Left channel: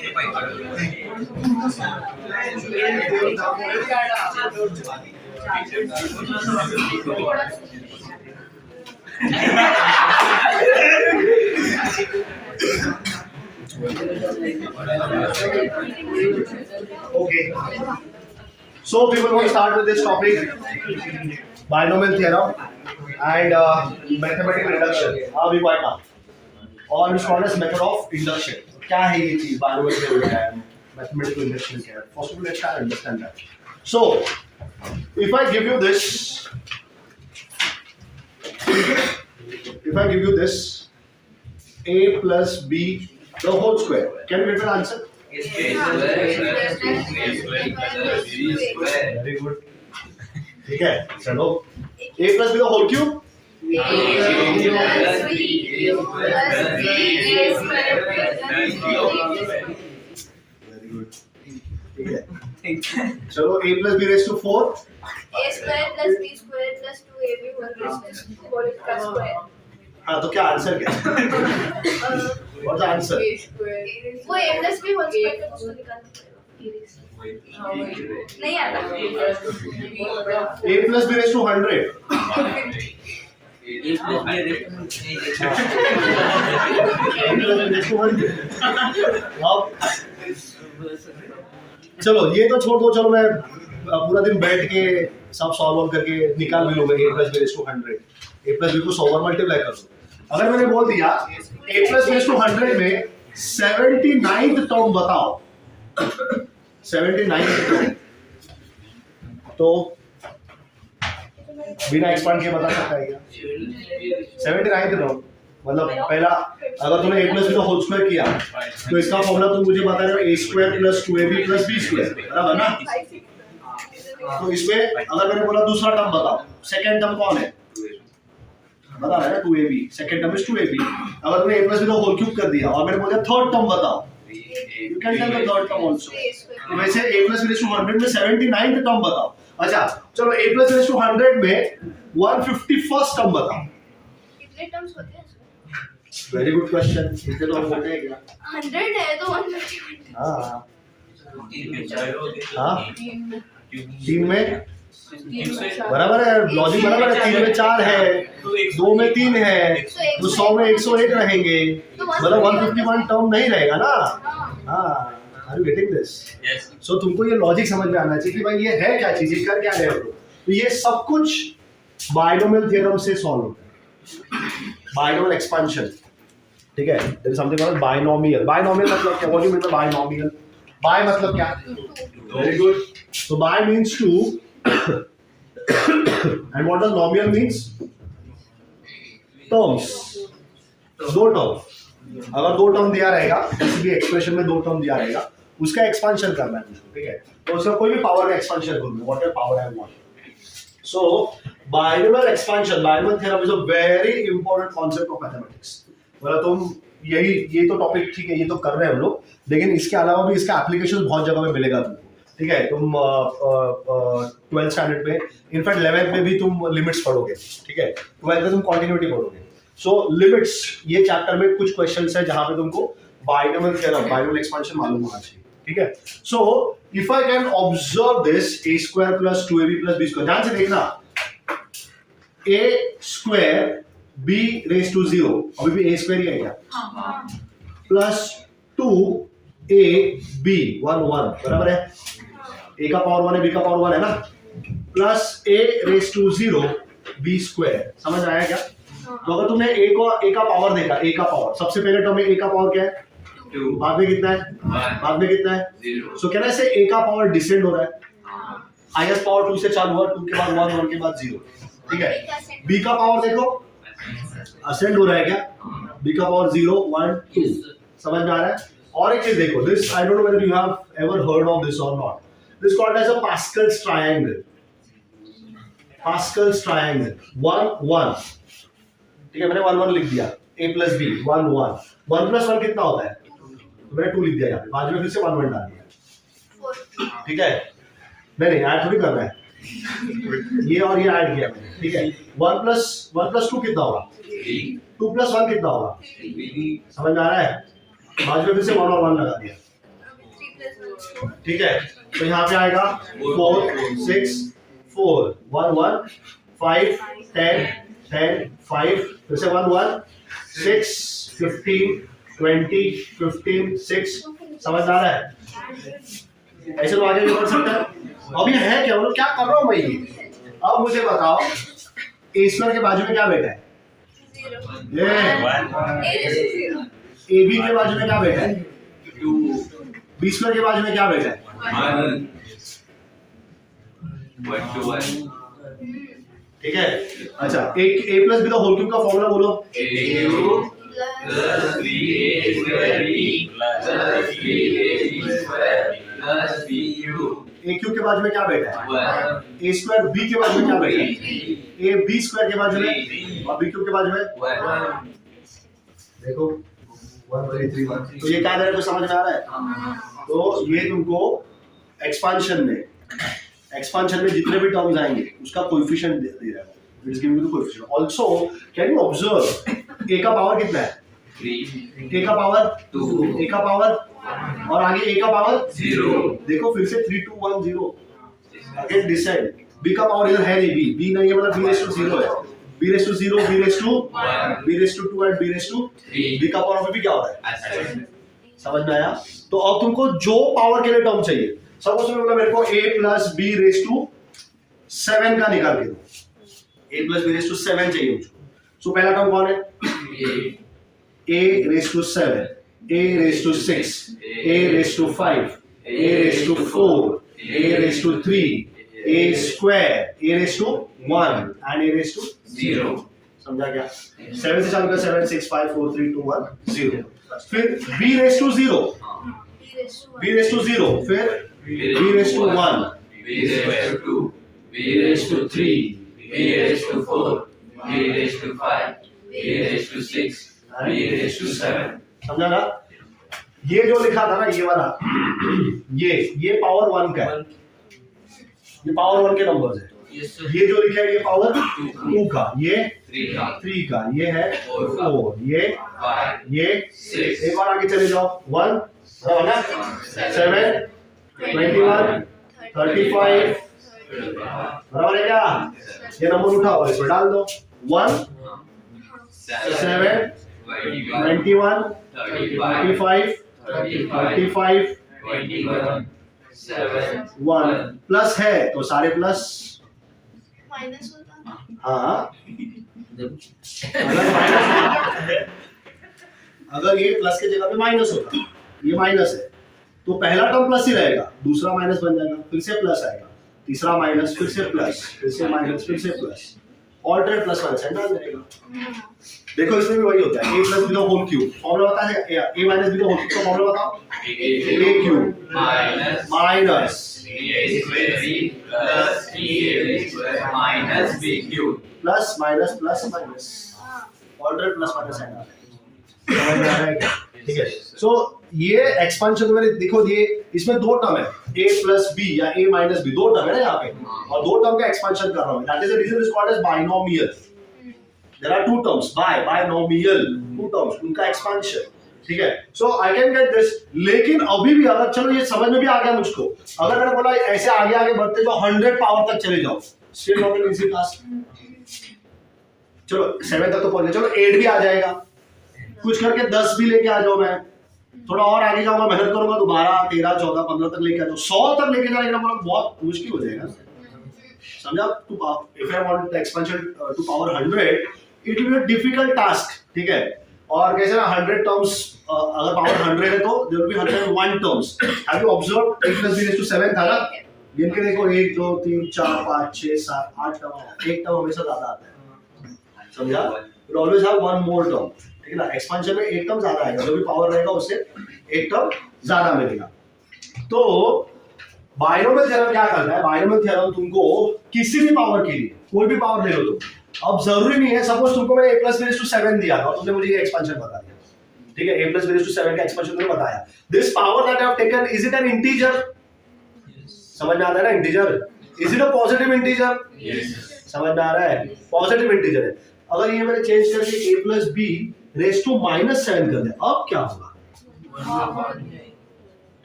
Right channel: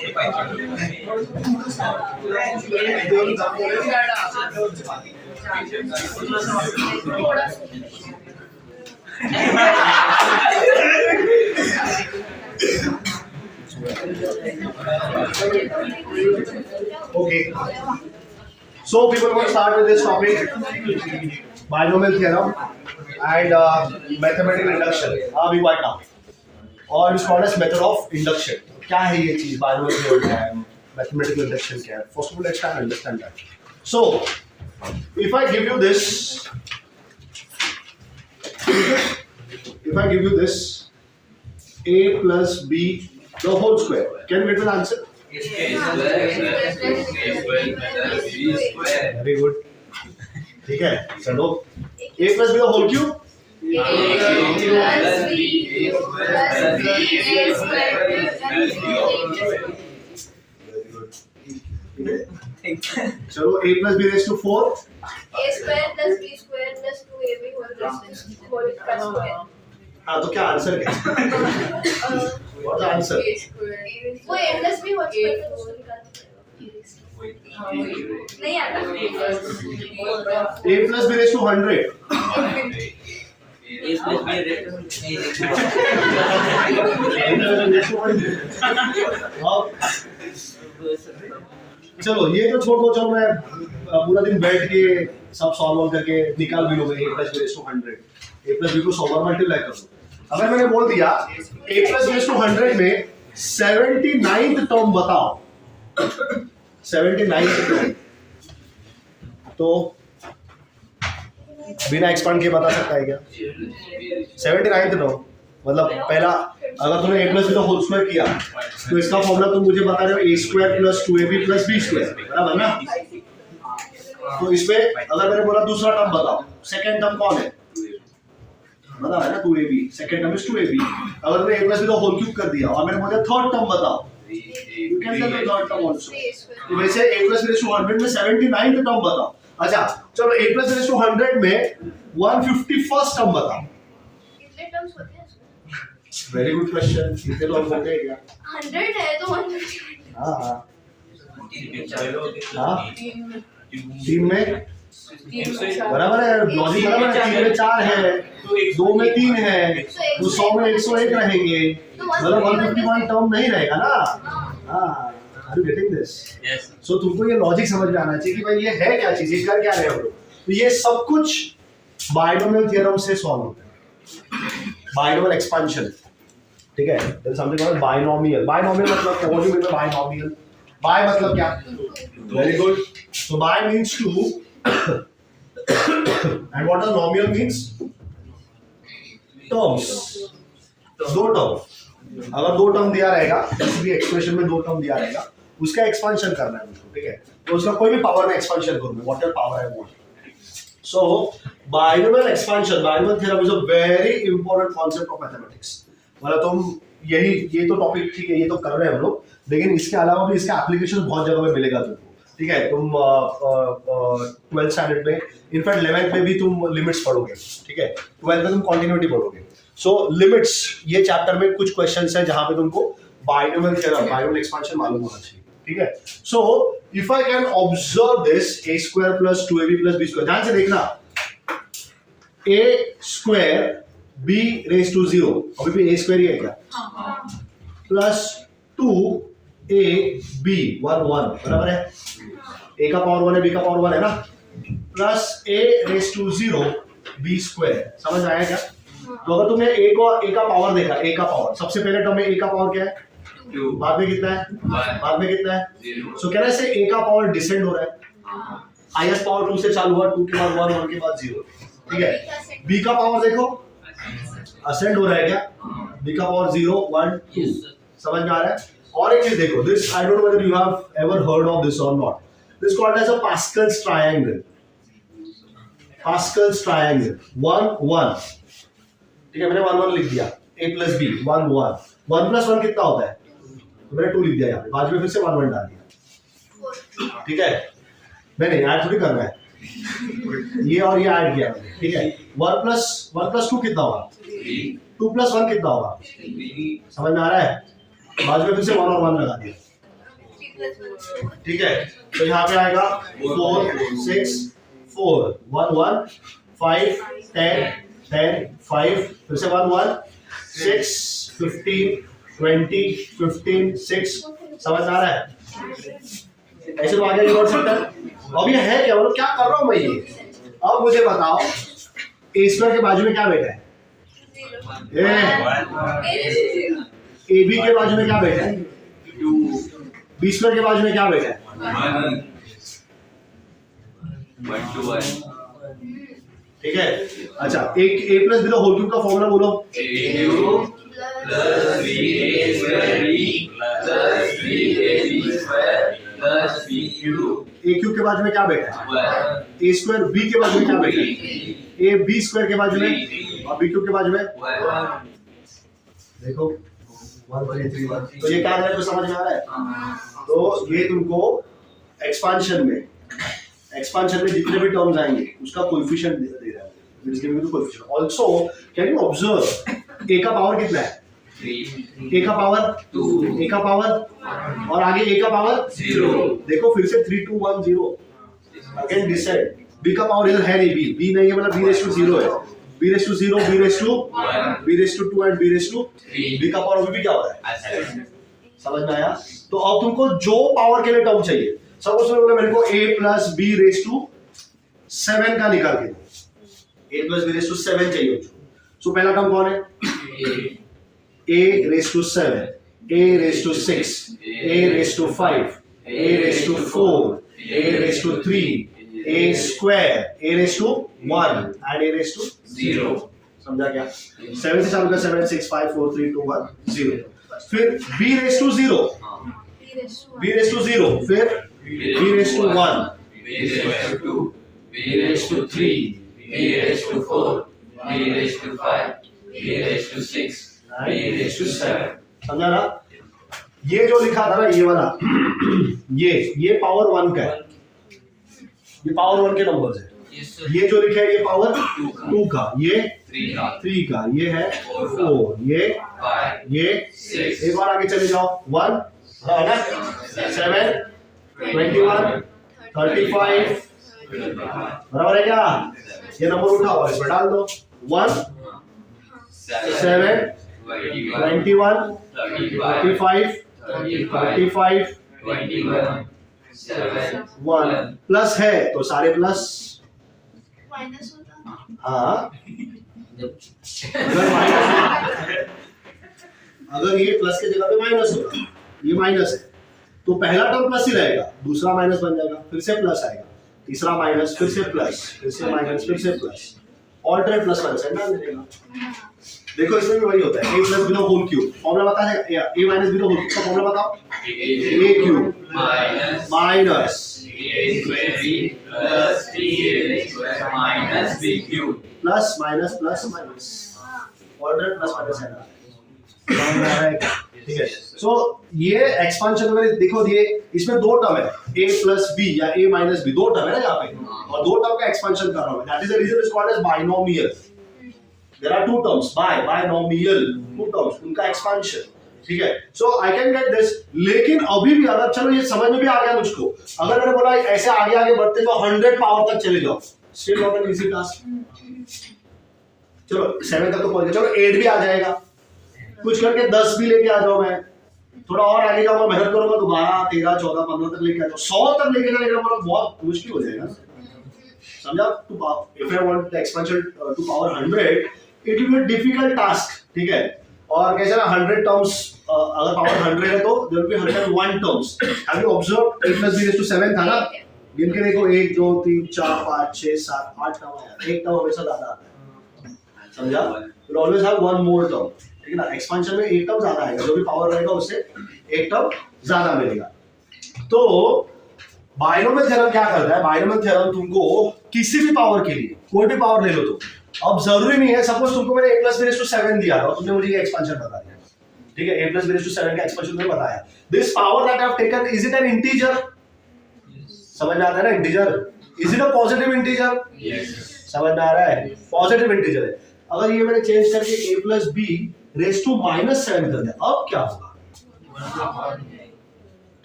Okay. So people want to start with this topic, binomial theorem and mathematical induction. हाँ भी quite tough. और इस called as method of induction. क्या है ये चीज? binomial theorem क्या है? Mathematical induction क्या है? First of all, let's try to understand that. So, if I give you this, a plus b the whole square, can you get the answer? Very good. ठीक है, चलो a plus b the whole cube. चलो a plus b raised to 4. a square plus b square plus 2ab whole square. हाँ तो क्या answer क्या? What's the answer? वो a plus b whole square का कुछ निकालते नहीं आता। a plus b raised to 100. चलो ये तो छोड़ दो, चलो मैं पूरा दिन बैठ के सब सॉल्व करके निकाल भी लूंगा a plus b raised to 100. a plus b को 100 बार मल्टीप्लाई कर दो। अगर मैंने बोल दिया a plus b raised to 100 में 79th टर्म बताओ, 79th टर्म, तो बिना एक्सपांड के बता सकता है क्या? 79th टर्म मतलब पहला, अगर तुमने a plus b का होल स्क्वायर किया तो इसका फॉर्मूला तुम मुझे बता रहे हो a square plus 2ab plus b square, बराबर ना? तो इसमें अगर मैंने बोला दूसरा टर्म बताओ, सेकंड टर्म कौन है? बता रहा है ना 2ab, second term is 2ab. अगर मैंने a plus b का होल क्यूब कर दिया और मैंने बोला थर्ड टर्म बताओ, you can tell the third term also. तो वैसे a plus b raised to 100 में 79th टर्म बताओ. अच्छा चलो a plus b raised to 100 में 151st टर्म बताओ. कितने टर्म्स होते हैं? Very good question. कितने टर्म होते हैं क्या? 100 है तो 151. हां हां टीम में बराबर है, लॉजिक बराबर है. 3 में 4 है, 2 में 3 है, तो 100 में 101 रहेंगे, मतलब 151 टर्म नहीं रहेगा ना. हाँ, आर यू गेटिंग दिस? सो तुमको ये लॉजिक समझ में आना चाहिए कि भाई ये है क्या चीज, ये कर क्या रहे हो. तो ये सब कुछ बायनोमियल थ्योरम से सॉल्व होता है. बायनोमियल एक्सपेंशन, ठीक है. There is something called binomial. Binomial मतलब क्या? What do you mean by binomial? Bi मतलब क्या? Very good. So bi means two and what does nomial means? terms. दो टर्म, अगर दो टर्म दिया रहेगा, किसी भी एक्सप्रेशन में दो टर्म दिया रहेगा, उसका एक्सपेंशन करना है मुझको, ठीक है. तो उसका कोई भी पावर में एक्सपेंशन करूंगा, whatever power I want. So binomial expansion, binomial theorem is a very important concept of mathematics. मतलब तुम यही, ये तो टॉपिक ठीक है, ये तो कर रहे हैं हम लोग, लेकिन इसके अलावा भी इसका एप्लीकेशन बहुत जगह में मिलेगा तुमको, ठीक है. तुम 12th स्टैंडर्ड में, इनफैक्ट 11th में भी तुम लिमिट्स पढ़ोगे, ठीक है. 12th में तुम कंटिन्यूटी पढ़ोगे. सो लिमिट्स, ये चैप्टर में कुछ क्वेश्चंस हैं जहां पे तुमको बायनोमियल थ्योरम, बायनोमियल एक्सपेंशन मालूम होना चाहिए, ठीक है. So if I can observe this a square plus 2ab plus b square, ध्यान से देखना, a square b raised to 0, अभी भी a square ही है क्या? प्लस 2ab 1 1, बराबर है. a का पावर 1 है, b का पावर 1 है ना, plus a raised to 0 b square. समझ आया क्या? तो अगर तुमने a का पावर देखा, a का पावर, सबसे पहले टर्म में a का पावर क्या है? 2. बाद में कितना है? बाद में कितना है? 0. सो कहना है से a का पावर डिसेंड हो रहा है. हाईएस्ट पावर 2 से चालू हुआ, 2 के बाद 1, 1 के बाद 0, ठीक है. b का पावर देखो, असेंड हो रहा है क्या? b का पावर 0 1 2. समझ में आ रहा है? और एक चीज देखो, this I don't know whether you have ever heard of this और not. This called as a Pascal's triangle. Pascal's triangle 1 1, ठीक है. मैंने 1 1 लिख दिया, a plus b 1 1. 1 plus 1 कितना होता है? तो मैंने 2 लिख दिया यहाँ पे, बाद में फिर से 1 1 डाल दिया, ठीक है. नहीं ऐड थोड़ी करना है, ये और ये ऐड किया मैंने, ठीक है. 1 plus 2 कितना होगा? 2 plus 1 कितना होगा? समझ में आ रहा है? बाद में फिर से 1 और 1 लगा दिया, ठीक है, तो यहाँ पे आएगा 4 6 4 1 1 5 10 10 5 फिर से 1 1 6 15 20 15 6 समझ आ रहा है? ऐसे तो आगे नहीं बढ़ सकता है। अब ये है क्या, मतलब क्या कर रहा हूँ मैं ये? अब मुझे बताओ ए स्क्वायर के बाजू में क्या बैठा है? ए बी के बाजू में क्या बैठा है? बी स्क्वायर के बाजू में क्या बैठा है? 1 to 1 ठीक है, अच्छा A plus B the whole cube का फॉर्मूला बोलो। a plus 3a square b plus 3ab square plus b cube A cube के बाजू में क्या बैठा है? 1 ए स्क्वायर बी के बाजू में क्या बैठा है? ए बी स्क्वायर के बाजू में और बी क्यूब के बाजू में 1 देखो 1 3 3 1। तो ये क्या दे रहा है, तो समझ में आ रहा है? तो ये तुमको एक्सपांशन में जितने भी टर्म्स आएंगे उसका कोएफिशिएंट दे रहा है। It is giving you the coefficient. Also can you observe a का पावर कितना है? 3 ए का पावर 2 ए का पावर और आगे ए का पावर 0 देखो फिर से 3 2 1 0 अगेन डिसाइड। बी का पावर इधर है नहीं, बी नहीं है मतलब बी रेज़ टू 0 है। B raise to 0 B raise to 1 B raise to 2 and B raise to 3 B का पावर अभी भी क्या हो रहा है? ऐसे समझ में आया? तो अब तुमको जो पावर के लिए टर्म चाहिए, सपोज में बोला मेरे को a plus b raise to 7 का निकाल के दो। a plus b raise to 7 चाहिए मुझको। सो पहला टर्म कौन है? a raise to 7, a raise to 6, a raise to 5, a raise to 4, a raise to 3, a square, a raise to 1 and a raise to 0 समझा क्या? 7 से चालू कर 7 6 5 4 3 2 1 0। फिर b raise to 0, b raise to 0, फिर b raise to 1, b raised to 2 b raised to 3 b raised to 4 b raised to 5 b raised to 6 b raised to 7 समझा ना? ये जो लिखा था ना ये वाला ये पावर 1 का है, ये पावर 1 के नंबर्स है। ये जो लिखा है ये पावर 2 का, ये 3 का, ये है 4, ये 5 ये 6 एक बार आगे चले जाओ 1 है ना 7 21 35 बराबर है क्या? ये नंबर उठाओ और इसमें डाल दो 1 7 21 35 35 21 7 1 प्लस है तो सारे प्लस। माइनस होता हाँ अगर ये प्लस के जगह पे माइनस होता, ये माइनस है तो पहला टर्म प्लस ही रहेगा, दूसरा माइनस बन जाएगा, फिर से प्लस आएगा, तीसरा माइनस, फिर से प्लस, फिर से माइनस, फिर से प्लस, ऑल्टरनेट प्लस माइनस है डाल देगा। देखो इसमें भी वही होता है, a plus B the whole cube formula पता है? a minus b the whole cube का फॉर्मूला बताओ। a cube minus 3a square b plus 3ab square minus b cube plus minus plus minus alternate plus minus है ना? ठीक है। सो ये expansion में देखो ये इसमें दो टर्म है a प्लस b या a माइनस b, दो टर्म है ना यहाँ पे, और दो टर्म का एक्सपांशन कर रहा हूँ। That is the reason is called as binomial. There are two terms binomial, two terms, उनका एक्सपांशन। ठीक है। So I can get this, लेकिन अभी भी अगर चलो ये समझ में भी आ गया मुझको, अगर मैंने बोला ऐसे आगे आगे बढ़ते जाओ 100 पावर तक चले जाओ, still not an easy task. चलो 7 तक तो पहुंच गए, चलो 8 भी आ जाएगा, कुछ करके 10 भी लेके आ जाओ, मैं थोड़ा और आगे जाऊंगा, मेहनत करूंगा तो 12 13 14 15 तक लेके आ जाओ, 100 तक लेके जाने का मतलब बहुत मुश्किल हो जाएगा। समझा? If I want the expansion to power 100 it will be a difficult task. ठीक है। और कैसे ना 100 टर्म्स अगर पावर 100 है तो there will be 101 terms. Have you observed a + b raise to 7 था ना, गिन के देखो 1 2 3 4 5 6 7 8 टर्म आया, एक टर्म हमेशा ज्यादा आता है। समझा? You always have one more term. ठीक है ना? एक्सपेंशन में एक टर्म ज्यादा आएगा, जो भी पावर रहेगा उससे एक टर्म ज्यादा मिलेगा। तो बाइनोमियल थ्योरम क्या करता है? बाइनोमियल थ्योरम तुमको किसी भी पावर के लिए कोई भी पावर ले लो तो, अब जरूरी नहीं है, सपोज तुमको मैंने a + b रेज़ टू 7 दिया था और तुमने मुझे ये एक्सपेंशन बता दिया, ठीक है, a + b रेज़ टू 7 का एक्सपेंशन तुमने बताया, this power that I have taken is it N integer? समझ में आता है ना? Integer, is it a positive integer? yes समझ में आ रहा है? पॉजिटिव इंटीजर है। अगर ये मैंने चेंज करके a + b रेज़ टू -7 कर दिया, अब क्या होगा?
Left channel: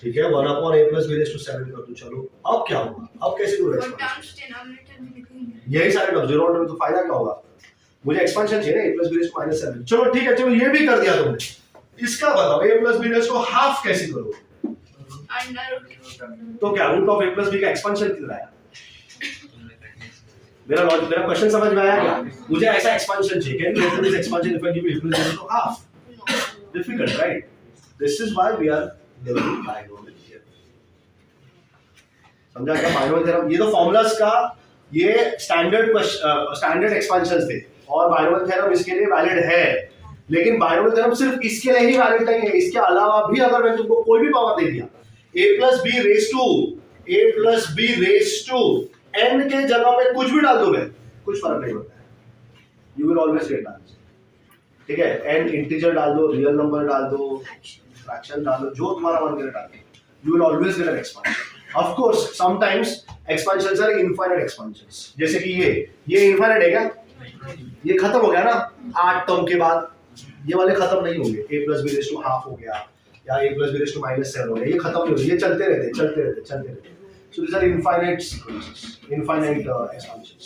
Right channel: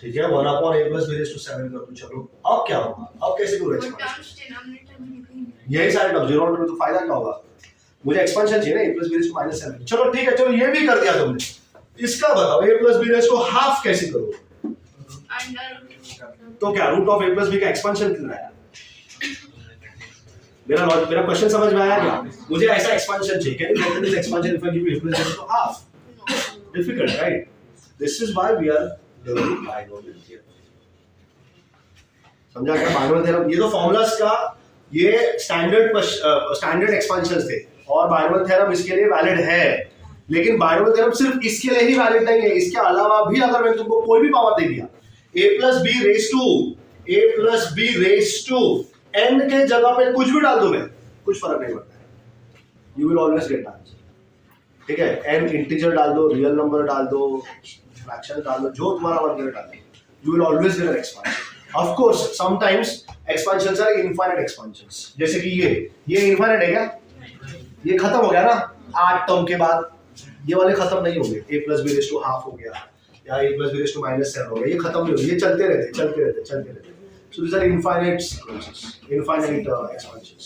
ठीक है 1/a+b⁻⁷ कर दूं। चलो अब क्या होगा, अब कैसे करूँ और एक्सपांशन? टर्म्स डिनोमिनेटर में लिखेंगे। यही सारे टर्म जीरो में तो फायदा क्या होगा, मुझे एक्सपांशन चाहिए ना a+b⁻⁷। चलो ठीक है, चलो ये भी कर दिया तुमने, इसका बताओ a+b⁻½ कैसे करोगे? अंडर तो क्या रूट ऑफ a+b का एक्सपांशन कितना आया? मेरा क्वेश्चन समझ में आया क्या? मुझे ऐसा एक्सपांशन चाहिए, can you get this expansion if I give you a+b⁻½ difficult, right? This is why we are developing binomial theorem. समझा क्या बाइनोमियल थ्योरम? ये तो फॉर्मूलाज का ये स्टैंडर्ड एक्सपांशंस थे और बाइनोमियल थ्योरम इसके लिए वैलिड है, लेकिन बाइनोमियल थ्योरम सिर्फ इसके लिए ही वैलिड नहीं है, इसके अलावा भी अगर मैंने तुमको कोई भी पावर दे दिया a+b n के जगह पे कुछ भी डाल दोगे कुछ फर्क नहीं पड़ता है, you will always get answer. ठीक है, n इंटीजर डाल दो, रियल नंबर डाल दो, फ्रैक्शन डाल दो, जो तुम्हारा मन करे डाल दो, you will always get an expansion. Of course sometimes expansions are infinite expansions, जैसे कि ये इनफाइनाइट है क्या? ये खत्म हो गया ना 8 टर्म के बाद, ये वाले खत्म नहीं होंगे, a+b⁻½ हो गया या a+b⁻⁷ हो गया, ये खत्म नहीं होंगे, ये चलते रहते। So this are infinite sequences, infinite expansions.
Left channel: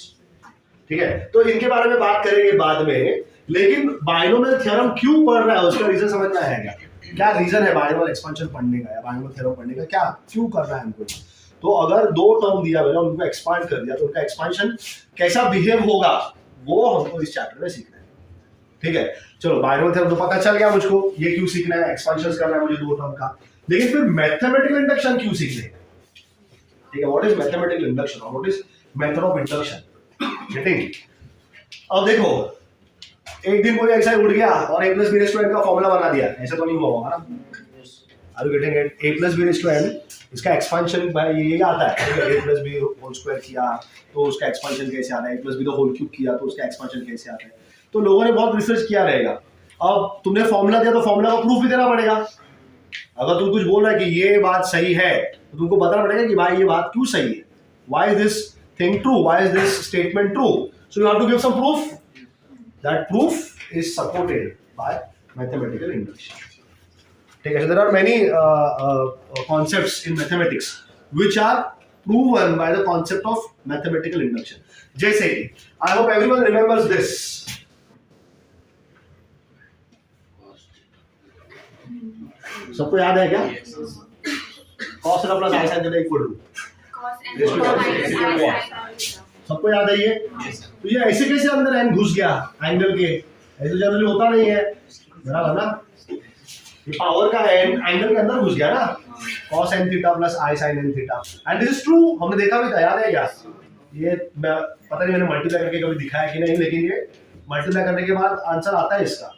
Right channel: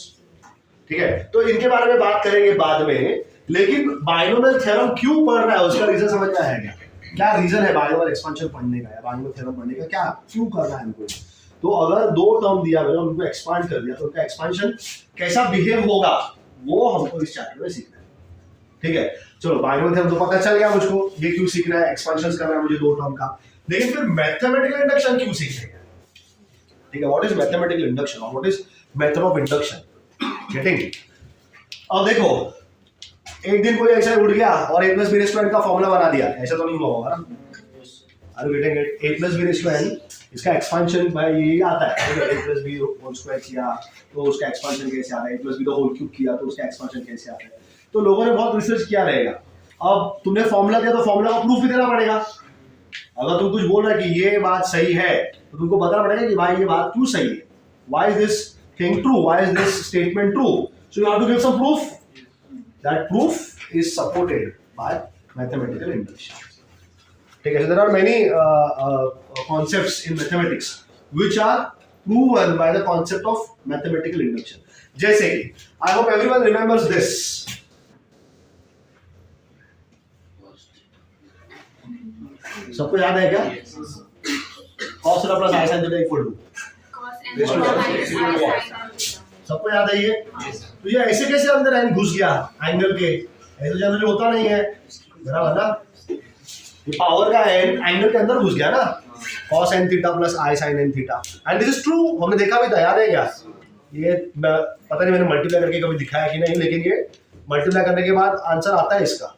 ठीक है, तो इनके बारे में बात करेंगे बाद में, लेकिन बाइनोमियल थ्योरम क्यों पढ़ रहा है उसका रीजन समझ में आएगा। क्या रीजन है बाइनोमियल एक्सपांशन पढ़ने का या बाइनोमियल थ्योरम पढ़ने का, क्या क्यों कर रहा है हमको? तो अगर दो टर्म दिया गया उनको एक्सपांड कर दिया तो उनका एक्सपांशन कैसा बिहेव होगा वो हमको इस चैप्टर में सीखना है। ठीक है, चलो बाइनोमियल थ्योरम तो पता चल गया मुझको, ये क्यों सीखना है, एक्सपांशंस करना है मुझे दो टर्म का, लेकिन फिर मैथमेटिकल इंडक्शन क्यों सीखना है? ठीक है, व्हाट इज मैथमेटिकल इंडक्शन और what is method of induction? Getting? अब देखो एक दिन कोई ऐसा उठ गया और a+b⁻n का फॉर्मूला बना दिया, ऐसा तो नहीं हुआ होगा ना? Are you getting it? a+b⁻n इसका एक्सपांशन भाई ये आता है, a+b² किया तो उसका एक्सपांशन कैसे आता है, a+b³ किया तो उसका एक्सपांशन कैसे आता है। तो लोगों ने बहुत रिसर्च किया रहेगा। अब तुमने फॉर्मूला दिया तो फॉर्मूला का प्रूफ भी देना पड़ेगा। अगर तुम कुछ बोल रहे हैं कि ये बात सही है तो तुमको बताना पड़ेगा कि भाई ये बात क्यों सही है, why is this thing true, why is this statement true, so you have to give some proof. That proof is supported by mathematical induction. Okay, so there are many concepts in mathematics which are proven by the concept of mathematical induction. जैसे कि I hope everyone remembers this. सबको याद है क्या? Cos theta plus i sin theta equal to cos n minus I sin n। सबको याद है ये? तो ये ऐसे कैसे अंदर n घुस गया एंगल के? ऐसे जनरली होता नहीं है, बराबर ना? ये पावर का n एंगल के अंदर घुस गया ना, cos n theta plus i sin n theta, and this is true, हमने देखा भी था, याद है क्या? ये पता नहीं मैंने मल्टीप्लाई करके कभी दिखाया कि नहीं, लेकिन ये मल्टीप्लाई करने के बाद आंसर आता है इसका।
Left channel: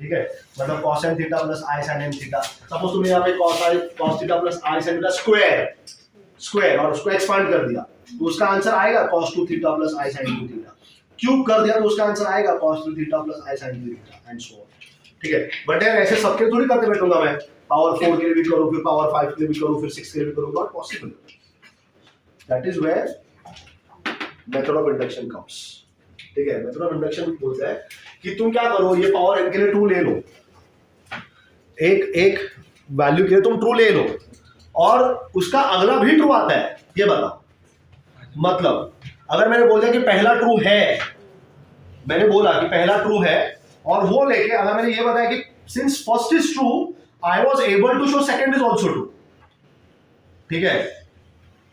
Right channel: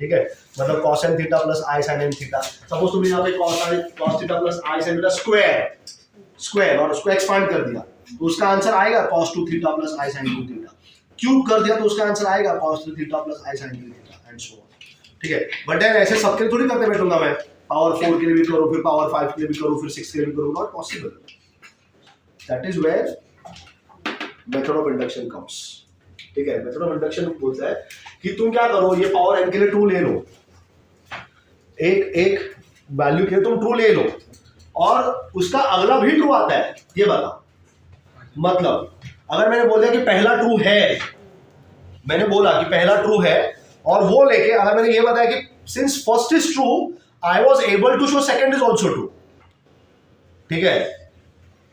ठीक है, मतलब cos n theta plus i sin n theta, suppose तुमने यहाँ पे cos theta plus i sin theta square और उसको एक्सपांड कर दिया तो उसका आंसर आएगा cos 2 theta plus i sin 2 theta, cube कर दिया तो उसका आंसर आएगा cos 3 theta plus i sin 2 theta and so on. ठीक है, बट यार ऐसे सबके लिए थोड़ी करते बैठूंगा मैं, पावर 4 के लिए भी करूं, फिर पावर 5 के लिए भी करूं, फिर 6 के लिए भी करूं, not possible. That is where method of induction comes. ठीक है, मेथड ऑफ इंडक्शन बोलता है कि तुम क्या करो, ये पावर n के लिए ट्रू ले लो, एक वैल्यू के लिए तुम ट्रू ले लो और उसका अगला भी ट्रू आता है, ये बताओ। मतलब अगर मैंने बोल दिया कि पहला ट्रू है, मैंने बोला कि पहला ट्रू है और वो लेके अगर मैंने ये बताया कि since first is true I was able to show second is also true. ठीक है,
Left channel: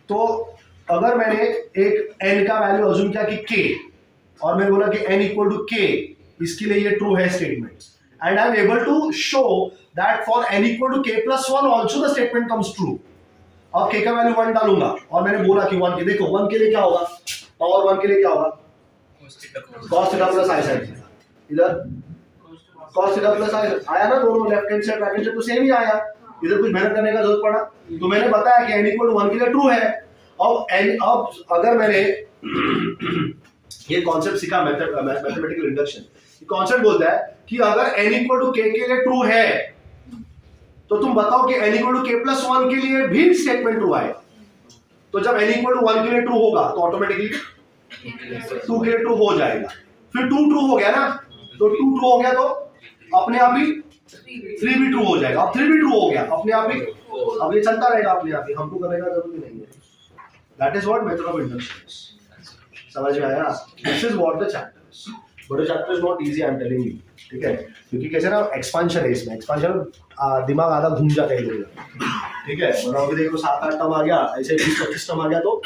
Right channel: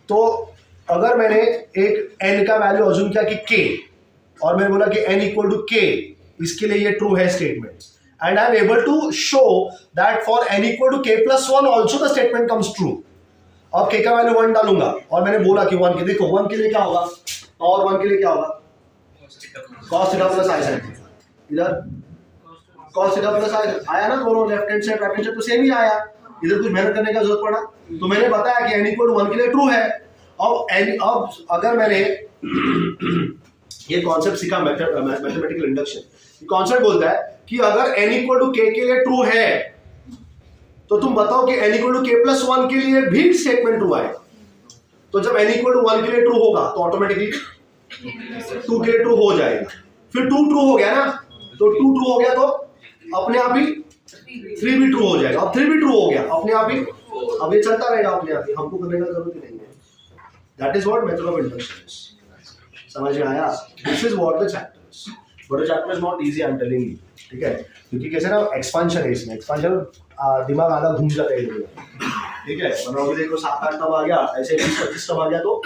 तो अगर मैंने एक n का वैल्यू अज्यूम किया कि k और मैंने बोला कि n इक्वल टू k, इसके लिए ये ट्रू है statement, and I am able to show that for n equal to k plus 1 also the statement comes true. अब k का वैल्यू 1 डालूंगा और मैंने बोला कि 1 के, देखो 1 के लिए क्या होगा, पावर 1 के लिए क्या होगा, cos theta plus i sin theta, इधर cos थीटा प्लस i आया ना, दोनों left hand side right hand side तो सेम ही आया, इधर कुछ मेहनत करने का जरूरत पड़ा, तो मैंने बताया कि n इक्वल टू 1 के लिए ट्रू है। अब अगर मैंने ये कॉन्सेप्ट सीखा मैथमेटिकल इंडक्शन, ये कॉन्सेप्ट बोलता है कि अगर n इक्वल टू k के लिए ट्रू है तो तुम बताओ कि n equal to k plus 1 के लिए भी स्टेटमेंट ट्रू आए। तो जब n इक्वल टू 1 के लिए ट्रू होगा तो ऑटोमेटिकली 2 के लिए ट्रू हो जाएगा, फिर 2 ट्रू हो गया ना, तो 2 ट्रू हो गया तो अपने आप ही 3 भी ट्रू हो जाएगा। अब 3 भी ट्रू हो गया अपने आप ही, अब ये चलता रहेगा अपने आप ही, हमको करने का जरूरत ही नहीं है। That is what method of induction. समझ में आया? This is what the chapter is, but the chapter is not easy, I am telling you, ठीक है? क्योंकि कैसे ना एक्सपेंशन है इसमें, एक्सपेंशन दिमाग आधा घूम जाता है इधर, ठीक है? वरना अभी देखो 7-8 टर्म आ गया, ऐसे 20-25 टर्म आ गया तो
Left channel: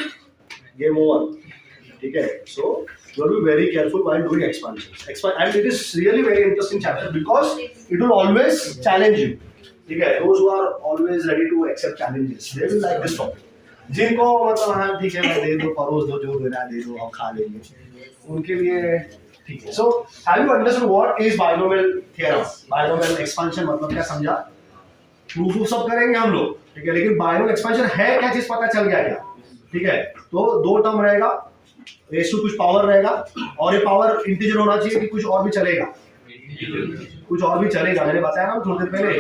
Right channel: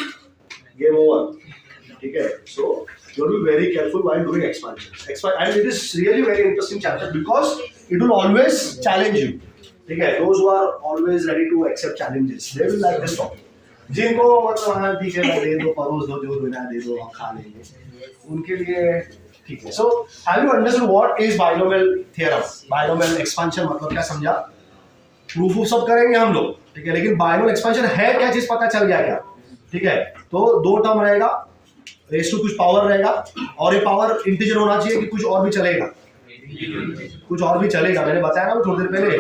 गेम ओवर, ठीक है? सो you will be very careful while doing expansions. And it is really very interesting chapter because it will always challenge you. ठीक है? Those who are always ready to accept challenges, they will like this topic. जिनको मतलब हाँ ठीक है भाई दे दो, परोस दो, जो देना दे दो, हम खा लेंगे, उनके लिए ठीक है। So have you understood what is binomial theorem? Binomial expansion मतलब क्या समझा? प्रूफ सब करेंगे हम लोग, ठीक है? लेकिन binomial expansion है क्या चीज पता चल गया क्या? ठीक है? तो 2 टर्म रहेगा, रेस टू कुछ पावर रहेगा, और ये पावर इंटीजर होना चाहिए कि कुछ और भी चलेगा? कुछ और भी चलेगा, मैंने बताया ना थोड़ी देर पहले,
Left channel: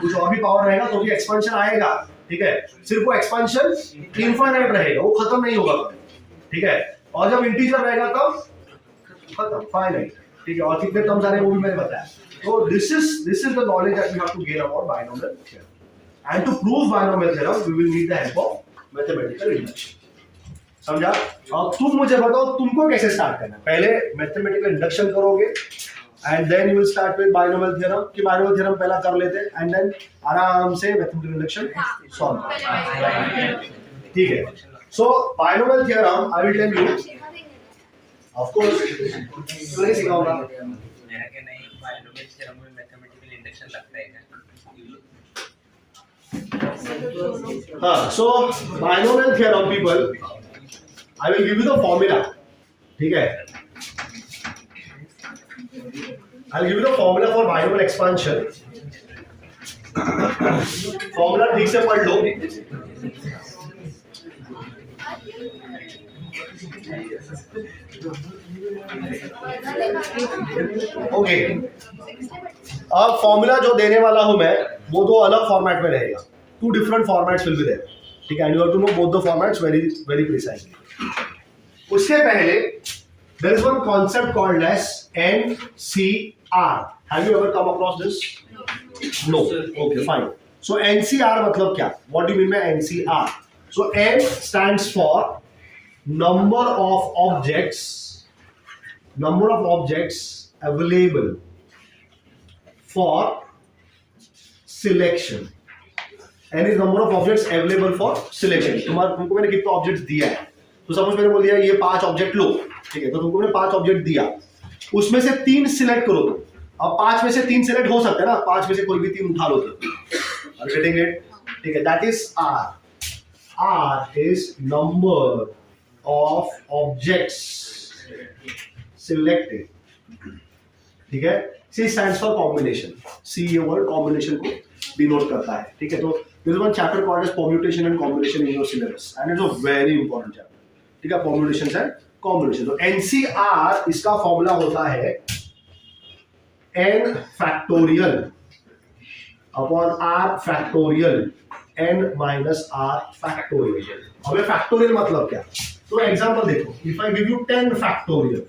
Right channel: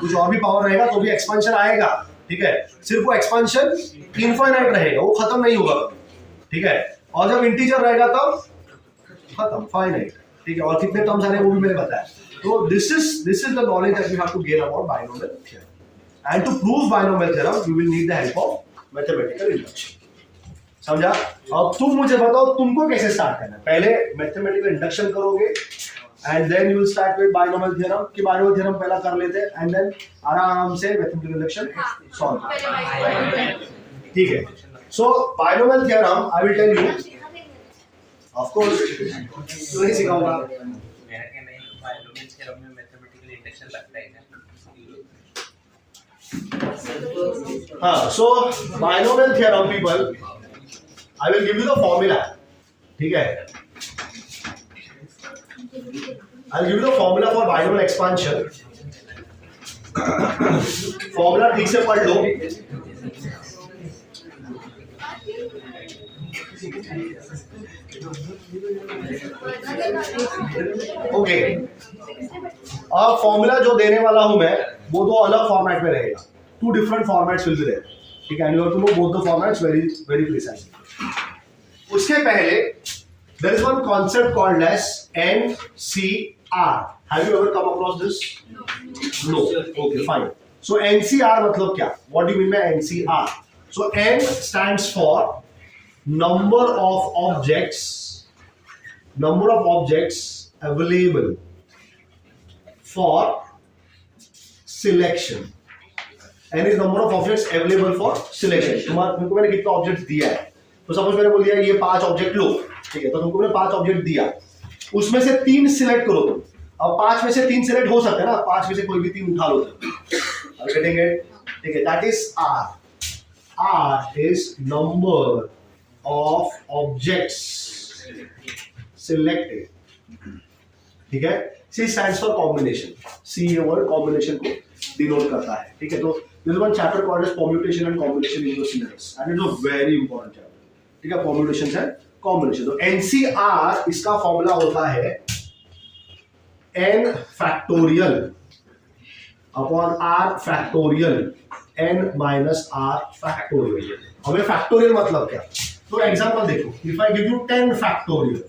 कुछ और भी पावर रहेगा तो भी एक्सपेंशन आएगा, ठीक है? सिर्फ वो एक्सपेंशन इनफाइनाइट रहेगा, वो खत्म नहीं होगा, ठीक है? और जब इंटीजर रहेगा तब खत्म, फाइनाइट, ठीक है? और कितने टर्म्स आ रहे हैं वो भी मैंने बताया। तो this is the knowledge that we have to gain about binomial theorem, and to prove binomial theorem we will need the help of mathematical induction. समझा? अब तुम मुझे बताओ तुमको कैसे स्टार्ट करना है? पहले मैथमेटिकल इंडक्शन करोगे and then you will start with binomial theorem, कि बाइनोमियल थ्योरम पहला कर लेते हैं एंड देन आराम से मैथमेटिकल इंडक्शन सॉल्व, ठीक है? So binomial theorem I will tell you, of course नहीं सिखाऊंगा, मेरा कहना है बाइनोमियल थ्योरम में मैथमेटिकल इंडक्शन लगता है क्या? हाँ, so binomial theorem people, I will give you the formula, ठीक है? I'll give you the formula for binomial expansion. Formula ठीक से पढ़ लो। ओके, अब फॉर्मूला जो देने वाला हूं मैं वो 2 अलग फॉर्मेट में रहेगा, 2 different formats will be there, ठीक है? And you have to know both the formats very very precisely. उसके पहले there is one concept called as NCR. Have you ever come across this? No. Okay, fine. So NCR मतलब क्या? What do you mean by NCR? So N stands for number of objects available for selection. N is number of objects available for selection. तुमको मैंने कितना object दिया है, तो suppose मैंने बोल दिया ये 5 ऑब्जेक्ट लो, ठीक है? तो तुमको मैंने 5 ऑब्जेक्ट दिया, उसमें से 3 सिलेक्ट करो तुम। अब 5 में से 3 सिलेक्ट हो सकते हैं ना, 5 में से कोई भी 3 उठा लो तुम, गेटिंग इट? ठीक है? That is R. R is number of objects selected, ठीक है? C stands for combination. C ये वर्ड कॉम्बिनेशन को डिनोट करता है, ठीक है? तो there is one chapter called as permutation and combination in your syllabus, and it's a very important chapter, ठीक है? permutations and combination. तो NCR इसका फॉर्मूला होता है n factorial upon r factorial n minus r factorial. अब ये factorial मतलब क्या? तो एग्जांपल देखो, if I give you 10 factorial,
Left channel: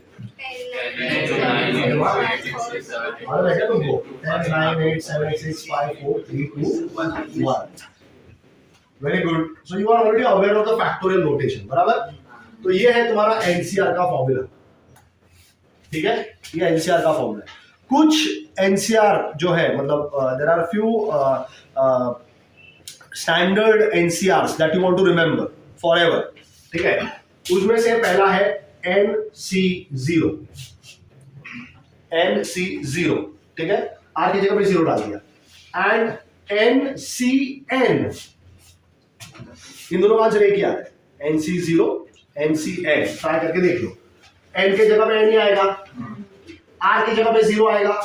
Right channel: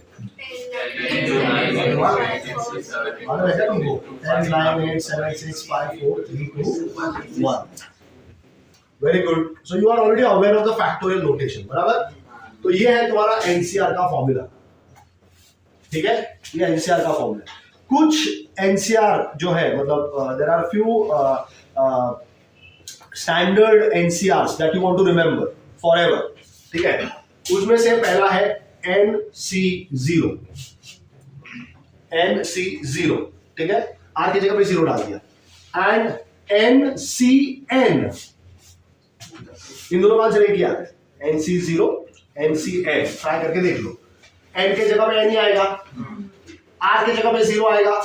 और रह गया तुमको 10 9 8 7 6 5 4 3 2 1. Very good. So you are already aware of the factorial notation, बराबर? तो ये है तुम्हारा एनसीआर का फॉर्मूला, ठीक है? ये एनसीआर का फॉर्मूला. कुछ एनसीआर जो है मतलब there are few standard NCRs that you want to remember forever, ठीक है? उसमें से पहला है NC0, NC0, ठीक है? आर की जगह पे 0 डाल दिया. एंड NCN, इन दोनों का आंसर एक ही आता है. NC0, NCN, ट्राई करके देख लो. N के जगह पे N ही आएगा, R के जगह पे 0 आएगा.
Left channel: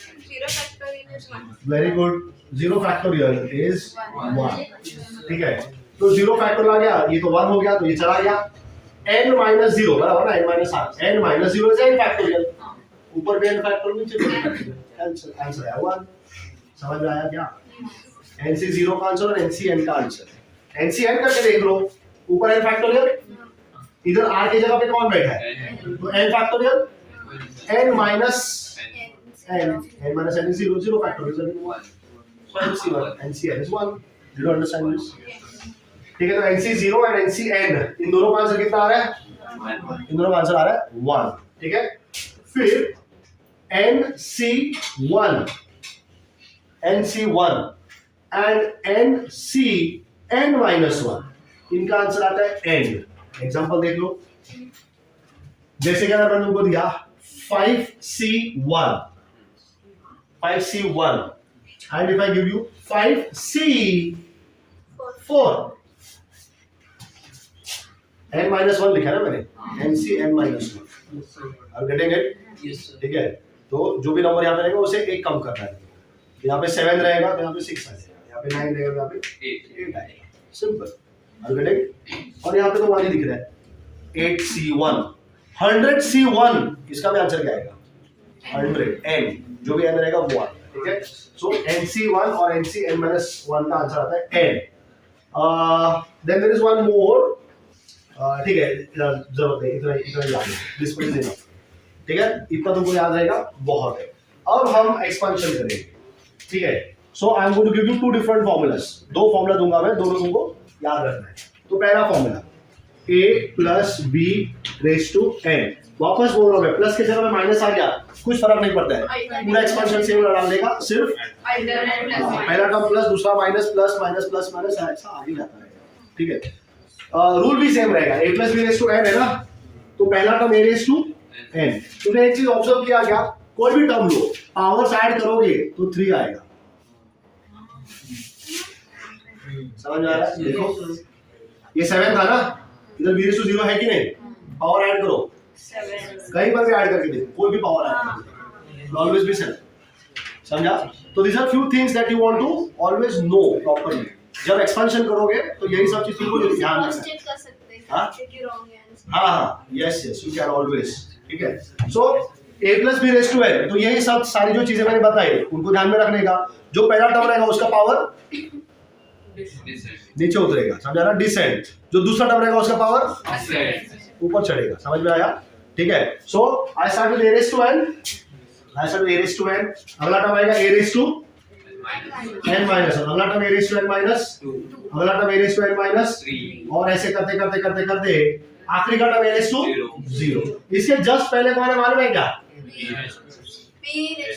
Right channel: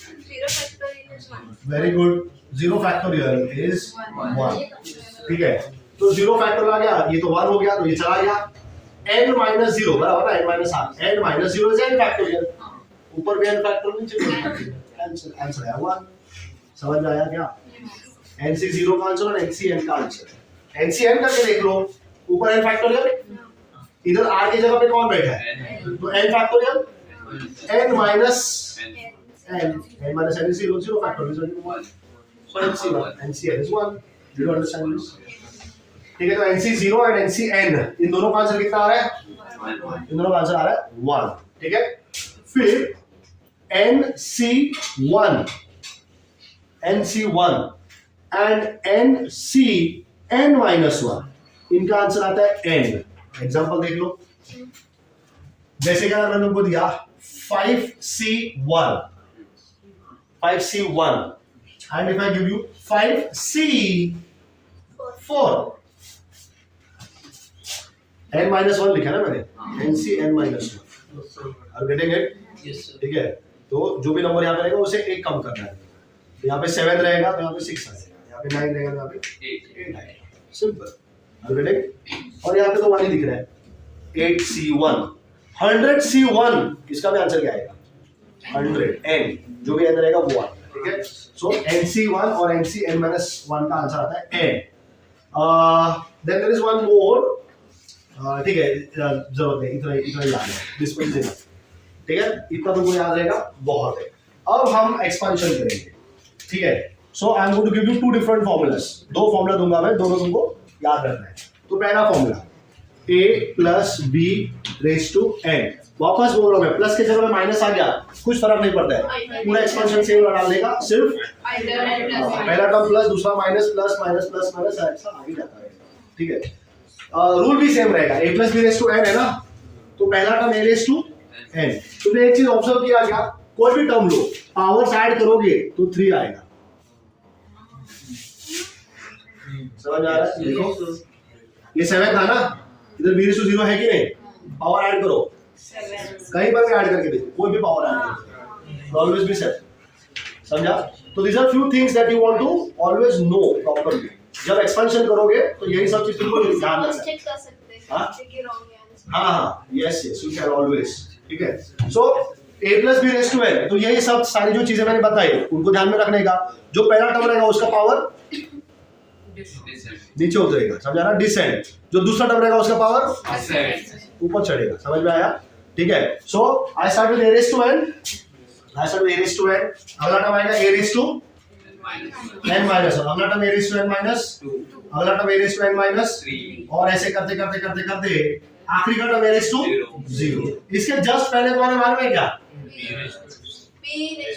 0 factorial is 1. Very good. 0 factorial is 1, ठीक है? तो 0 फैक्टोरियल आ गया, ये तो 1 हो गया, तो ये चला गया. n minus 0 बराबर ना, n minus r, n minus 0 is n factorial. ऊपर भी n factorial, नीचे भी n factorial. आंसर है 1. समझ में आया क्या? NC0 का आंसर और NCN का आंसर. NCN करके देख लो, ऊपर n factorial, इधर r की जगह पे कौन बैठा है? तो n factorial, n minus n. n minus n is 0, 0 factor is only 1. So NC1, NCn is 1. You don't understand this? ठीक है, तो NC0 and NCn इन दोनों का आंसर कितना आ रहा है? इन दोनों का आंसर आ रहा है 1. ठीक है, फिर NC1 and NCn minus 1 इनका आंसर आता है n. एग्जांपल देख लो, जैसे कि अगर मैंने तुमको दिया 5C1 and if I give you 5C4 n minus 1 लिखा है ना मैंने, NCn minus 1. Are you getting it? Yes, sir. ठीक है, तो जो भी नंबर यहाँ पे रहेगा उसे एक कम करना है. तो यहाँ पे 7 रहेगा तो यहाँ पे 6 आ जाएगा, यहाँ पे 9 रहेगा तो यहाँ पे 8 आएगा. सिंपल. Are you getting? और यहाँ पे तो 1 ही दिख रहा है. 8C1 100C1 इसका भी आंसर क्या आएगा? 100 n, जो भी n रहेगा वो आएगा. ठीक है, सो NC1 और NCn minus 1 का आंसर आता है n. Then there is one more. ठीक है, जरूरत नहीं, इतना ही याद है. This much is. ठीक है, इतना तुमको याद रहेगा, बहुत है. अब हम एक्सपेंशन करेंगे. ठीक है, so I am going to give you 2 different formulas. 2 formula दूंगा मैं, दोनों तुमको याद रखना है. तो पहला formula a plus b raised to n. वापस बोल रहा हूं मैं, प्लस के जगह में माइनस आ गया, कुछ फर्क नहीं पड़ता है, पूरा एक्सपेंशन सेम डाल देगा. सिर्फ पहला टर्म प्लस, दूसरा minus, plus minus plus minus ऐसा आ ही जाता है. ठीक है, रूल भी सेम रहेगा. a plus b raised to n है ना, तो पहला term a raised to n. तुमने एक चीज ऑब्जर्व किया क्या? कोई भी टर्म लो, पावर्स ऐड करोगे तो 3 आएगा. समझ आ रहा है? देखो ये 7 था ना, इधर b raised to 0 है कि नहीं? पावर ऐड करो, कहीं पर भी ऐड करके देखो, कोई भी पावर ऐड करो, ऑलवेज बी 7. समझा? तो these are few things that you want to always know properly. जब एक्सपेंशन करोगे तो यही सब चीज तुमको ध्यान रखना है. चेक कर सकते हैं हाँ? कि रॉन्ग है आंसर. हाँ, यस यू कैन ऑलवेज. ठीक है, सो a plus b raised to n, तो यही सब सारी जो चीजें मैंने बताई उनको ध्यान में रखने का. जो पहला टर्म रहेगा उसका पावर नीचे उतरेगा, समझा ना, डिसेंड. जो दूसरा टर्म रहेगा उसका पावर ऊपर चढ़ेगा. समझ में आया? ठीक है, so I start with a raised to n. अगला टर्म आएगा a raised to n minus 1. अगला term a raised to n minus 2. अगला term a raised to n minus 3. और ऐसे करते करते करते करते आखिरी का टर्म a raised to 0. इसके जस्ट पहले तुम्हारे मालूम है क्या?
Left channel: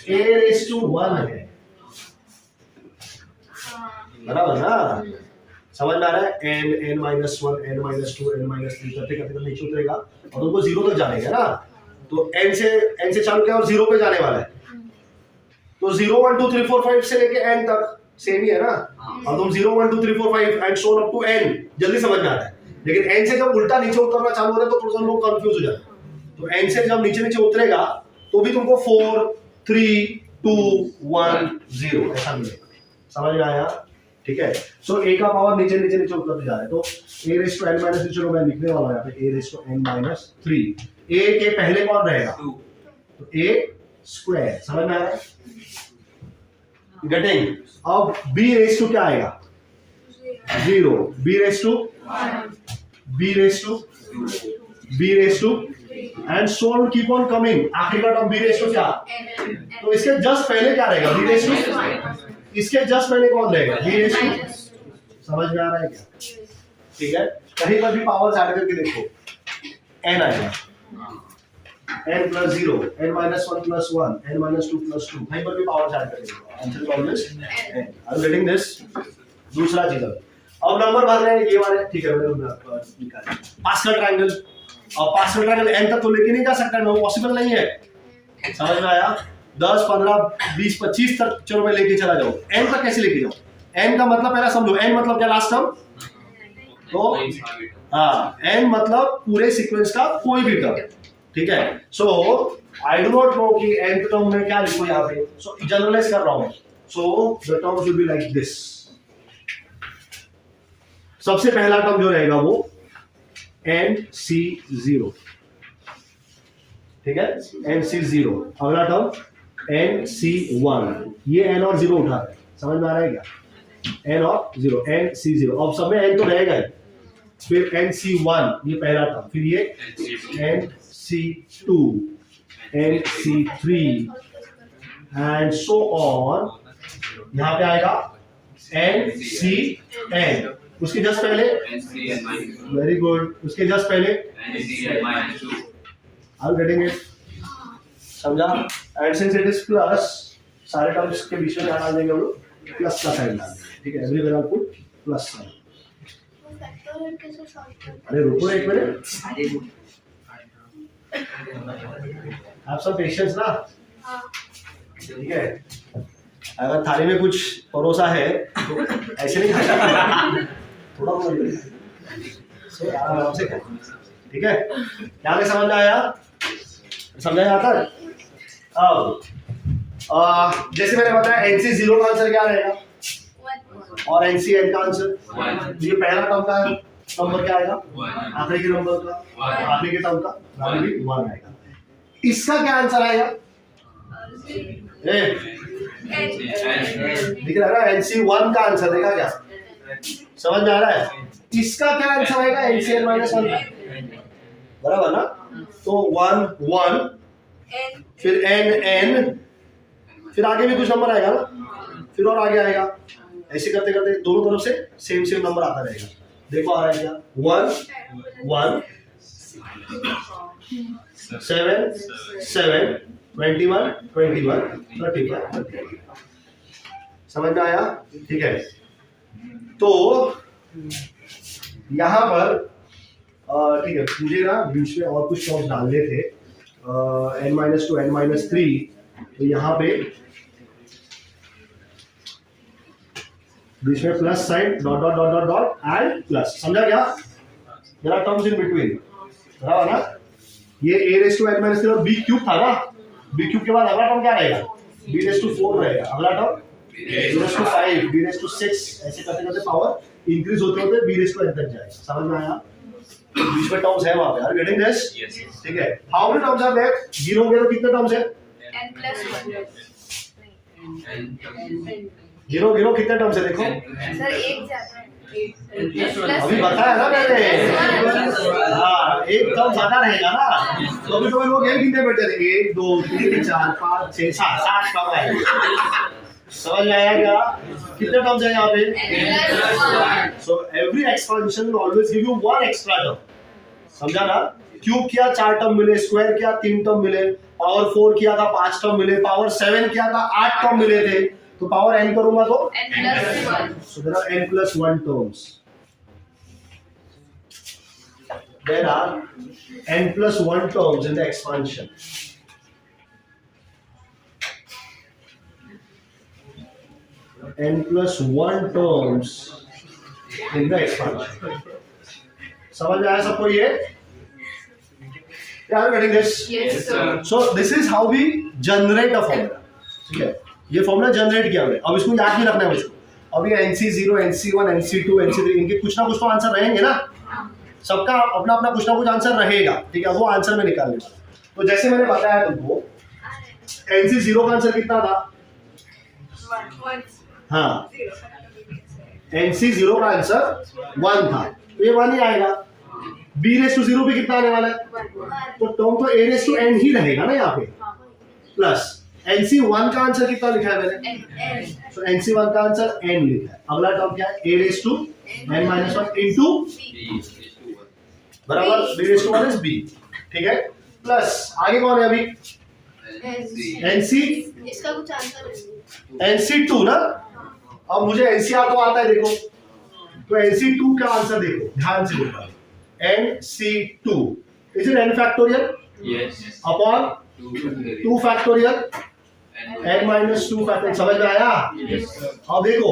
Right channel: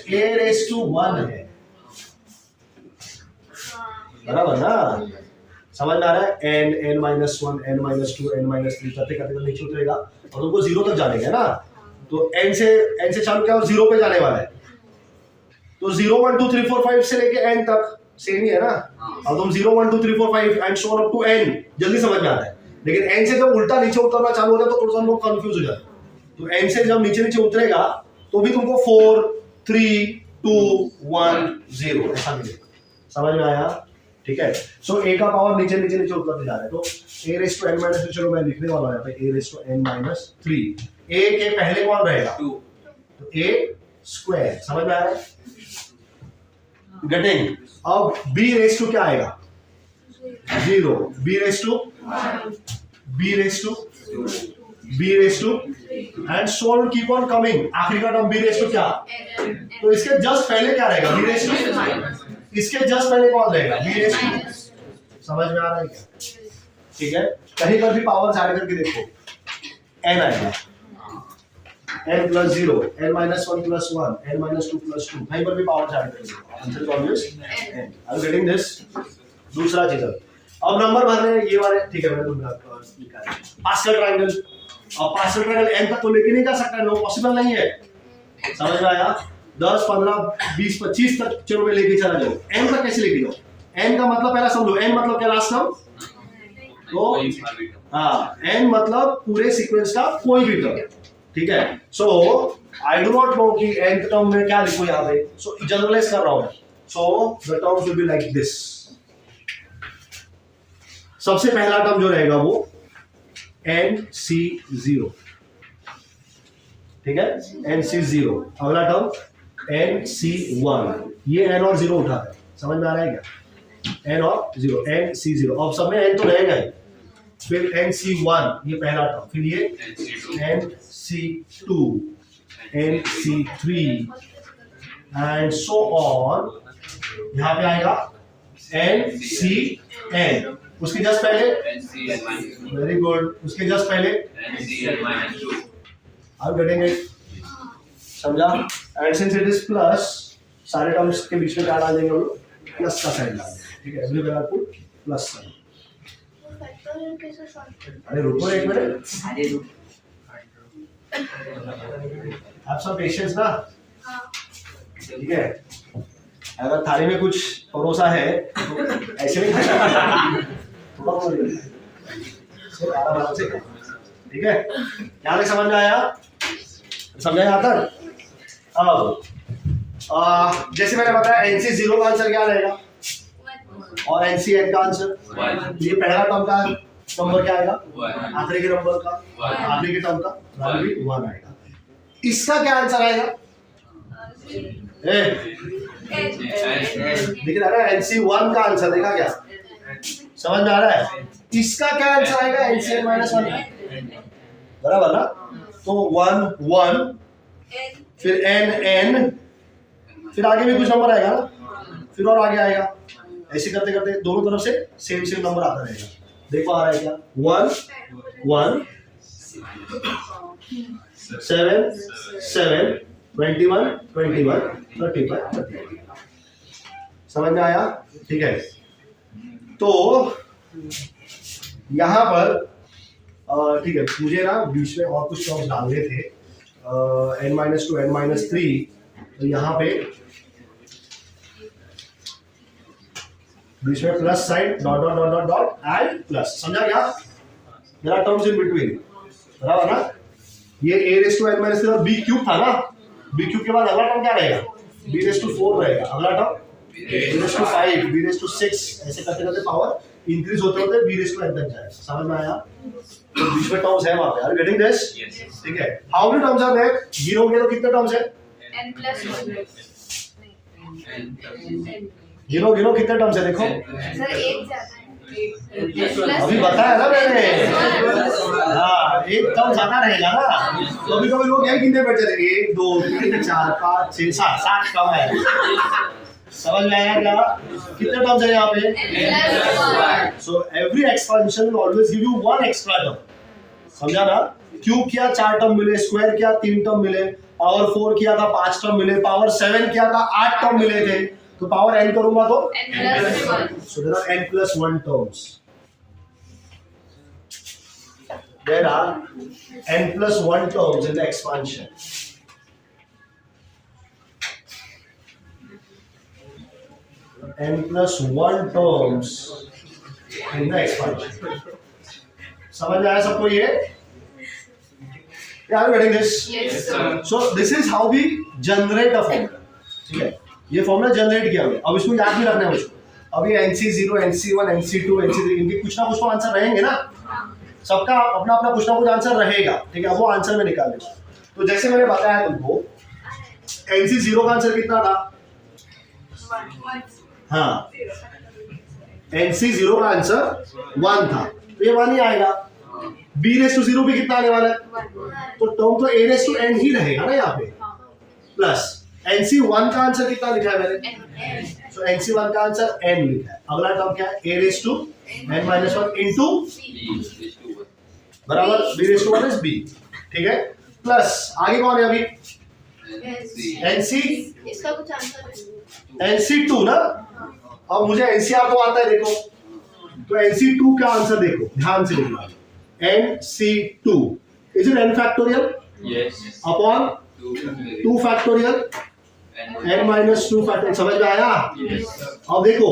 a raised to 1 है. बराबर ना? समझ में आ रहा है? n minus 1 n minus 2 n minus 3 करते करते नीचे उतरेगा और तुमको 0 तक जाने का ना. तो n से चालू किया और 0 पे जाने वाला है. तो 0 1 2 3 4 5 से लेके n तक सेम ही है ना. अब तुम 0 1 2 3 4 5 and so on up to n जल्दी समझ में आता है. लेकिन n से जब उल्टा नीचे उतरना चालू होता है तो थोड़ा सा लोग कंफ्यूज हो जाते हैं. तो n से जब नीचे नीचे उतरेगा तो भी तुमको 4 3 2 1 0 ऐसा मिलेगा. समझ में आया? ठीक है, सो a का पावर नीचे नीचे नीचे उतरते जा रहा है. तो a raised to n minus 3, चलो मैं लिखने वाला हूं यहाँ पे a raised to n minus 3. a के पहले कौन रहेगा? 2. तो a स्क्वायर. समझ में आ रहा है? गेटिंग? अब b raised to क्या आएगा? 0. b raised to 1. b raised to 2. b raised to and so on keep on coming. आखिरी का टर्म b raised to क्या? तो इसके जस्ट पहले क्या रहेगा? b raised to. इसके जस्ट पहले कौन रहेगा? b raised to. समझ में आ रहा है क्या? ठीक है, कहीं पर भी पावर्स ऐड करके देखो, n आएगा, n plus 0, n minus 1 plus 1, n minus 2 plus 2. कहीं पर भी पावर्स ऐड करके देखो, answer is always n. Are you getting this? दूसरा चीज अब नंबर भरने ये वाले. ठीक है, मैंने निकाला पार्शियल ट्रायंगल. और पार्शियल ट्रायंगल n तक तो लेके नहीं जा सकता, नो पॉसिबल नहीं है. समझ में आया? 10 15 20 25 तक चलो मैं लेके चला जाऊं. n तक कैसे लेके जाऊं? n का मतलब पहला समझो, n मतलब क्या? Last term. तो हाँ, n मतलब पूरे सीक्वेंस का कोई भी टर्म. ठीक है, so I do not know कि nth टर्म में क्या लिखूं यहाँ पे. सो जनरलाइज कर रहा हूं मैं. So the terms will be like this. सबसे पहला टर्म जो रहेगा वो NC0. ठीक है, NC0. अगला टर्म NC1. ये n और 0 उठा है. समझ में आ रहा है क्या? n और 0, NC0. अब सब में n तो रहेगा ही. फिर NC1 ये पहला टर्म, फिर ये NC2, NC3, and so on, यहाँ पे आएगा NCN, उसके जस्ट पहले NCN minus 2. वेरी गुड, उसके जस्ट पहले NCN minus 2. I am getting it, समझा? And since it is plus, सारे टर्म्स के बीच में क्या डाल देंगे हम लोग? प्लस का साइन डाल देंगे, ठीक है? Everywhere I put plus sign. Factorial कैसे सॉल्व करते अरे रुको एक मिनट, आप सब पेशेंस ना, हाँ ठीक है? अगर थाली में कुछ परोसा है तो ऐसे नहीं खाना, थोड़ा बोल सो आराम से, ठीक है? क्या नहीं समझ में आया? समझा यहाँ तक? अब जैसे मैंने बताया NC0 का आंसर क्या रहेगा और NCN का आंसर, 1. ये पहला टर्म का नंबर क्या आएगा, 1. आखिरी के नंबर का, One. आखिरी के टर्म का 1 आएगा। इसका क्या आंसर आएगा? दिख रहा है ना? NC1 का आंसर देखा क्या? समझ में आ रहा है? इसका क्या आंसर आएगा? NCN minus 1, बराबर ना? तो 1 1, फिर N, फिर आगे भी कुछ नंबर आएगा ना, फिर और आगे आएगा, ऐसे करते करते दोनों तरफ से सेम नंबर आता रहेगा। देखो आ रहा है क्या? 1 1 7 7 21 21 35 35। समझ में आया? ठीक है, तो यहाँ पर ठीक है, मुझे ना बीच में और कुछ टर्म्स डालने थे, N-2 N-3, तो यहाँ पे बीच में plus sign dot dot dot dot dot and plus, समझा क्या? मेरा टर्म्स इन बिटवीन, बराबर ना? ये A⁻n-3 और B क्यूब था ना, B क्यूब के बाद अगला टर्म क्या रहेगा? B⁴ रहेगा, अगला टर्म B⁵, B⁶, ऐसे करते करते पावर इंक्रीज होते होते B⁻n तक जाएगा। समझ में आया? तो बीच में टर्म्स है वहां पे, आर गेटिंग दिस? ठीक है, how many terms are there? गिनोगे तो कितने टर्म्स है? N+1 गिनो कितने टर्म्स है? देखो सर एक ज्यादा है, अभी बताया ना मैंने, हाँ एक टर्म ज्यादा रहेगा ना, कभी कभी लोग यही गिनते बैठे थे, 1 2 3 4 5 6 7 टर्म है। समझ में आया क्या? कितने टर्म्स है यहाँ पे? N+1 so every expansion will always give you one extra term, समझा ना? क्यूब किया 4 टर्म मिले, स्क्वायर किया 3 टर्म मिले, पावर 4 किया था 5 टर्म मिले, पावर 7 किया था 8 टर्म मिले थे, तो पावर n करूंगा तो N+1 so there are n+1 terms, there are n+1 terms in the expansion. n+1 terms in the expansion. समझ में आया सबको ये? Are you getting this? Yes sir. So this is how we generate a formula. ठीक है, ये formula generate किया हमने, अब इसको याद भी रखना है मुझको। अब ये NC0 NC1 NC2 NC3 इनके कुछ ना कुछ तो आंसर रहेंगे ना, सबका अपना अपना कुछ ना कुछ आंसर रहेगा, ठीक है? वो आंसर में निकालने वाला। तो जैसे मैंने बताया तुमको, NC0 का आंसर कितना था? 1 हाँ, NC0 का आंसर 1 था, तो ये 1 ही आएगा। B⁻0 भी कितना आने वाला है? तो टर्म तो A⁻n ही रहेगा ना यहाँ पे, प्लस NC1 का आंसर कितना लिखा है मैंने? तो NC1 का आंसर n लिखा है। अगला टर्म क्या है? A⁻n-1 इनटू बराबर B⁻1 इज B, ठीक है? प्लस आगे कौन है अभी? NC इसका कुछ आंसर NC2 ना। अब मुझे NCR तो आता है, देखो तो NC2 का आंसर देखो, ध्यान से देखना, NC2 is it n factorial upon 2 factorial n-2 factorial. समझ में आया? अब देखो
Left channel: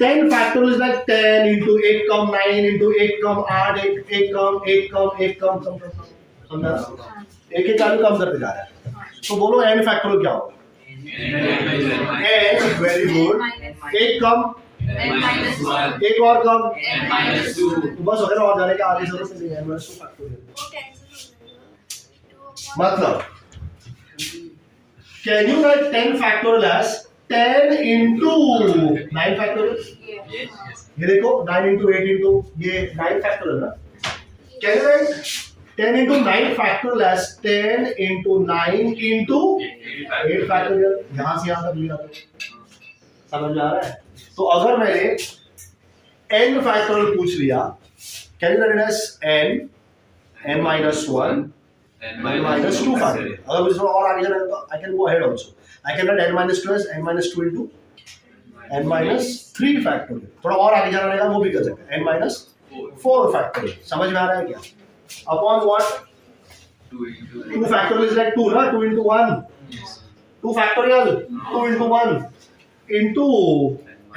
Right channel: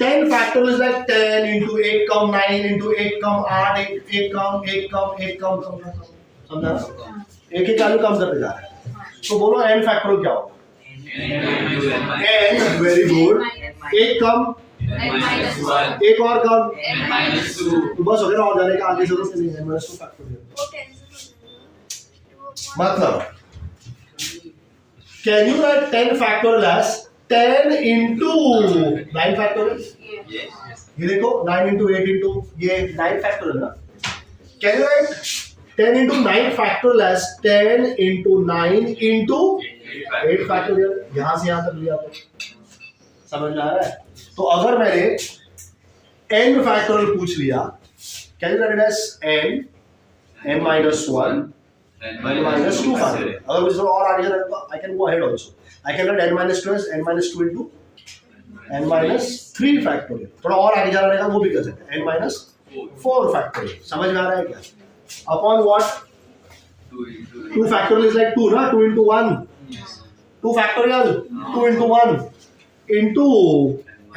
10 factorial is like 10 into 8 come 9 into 8 कम 8 1 कम 1 कम 1 कम, समझा? एक एक वैल्यू कम करते जा रहा है, तो बोलो n फैक्टोरियल क्या होगा? n, वेरी गुड, एक कम एक और कम, तो बस अगर और जाने का आगे जरूरत नहीं है, n-2 फैक्टोरियल। मतलब can you write 10 factorial as 10 into 9 factorial? ये देखो 9 into 8 into ये 9 factorial ना। Can you write 10 into 9 factorial as 10 into 9 into 8 factorial. यहां से यहां तक लिया तो समझ में आ रहा है? तो अगर मैंने n factorial पूछ लिया, can you write it as n minus 1 n minus 2 factorial. अगर मुझे और आगे जाना है तो I can go ahead also. I can write n minus 2 as n minus 2 into n minus 3 factorial. थोड़ा और आगे जाना रहेगा वो भी कर सकते हैं, n minus 4 factorial. समझ में आ रहा है क्या? Upon what? 2 factorial is like 2 ना, 2 into 1. 2 factorial 2 into 1 into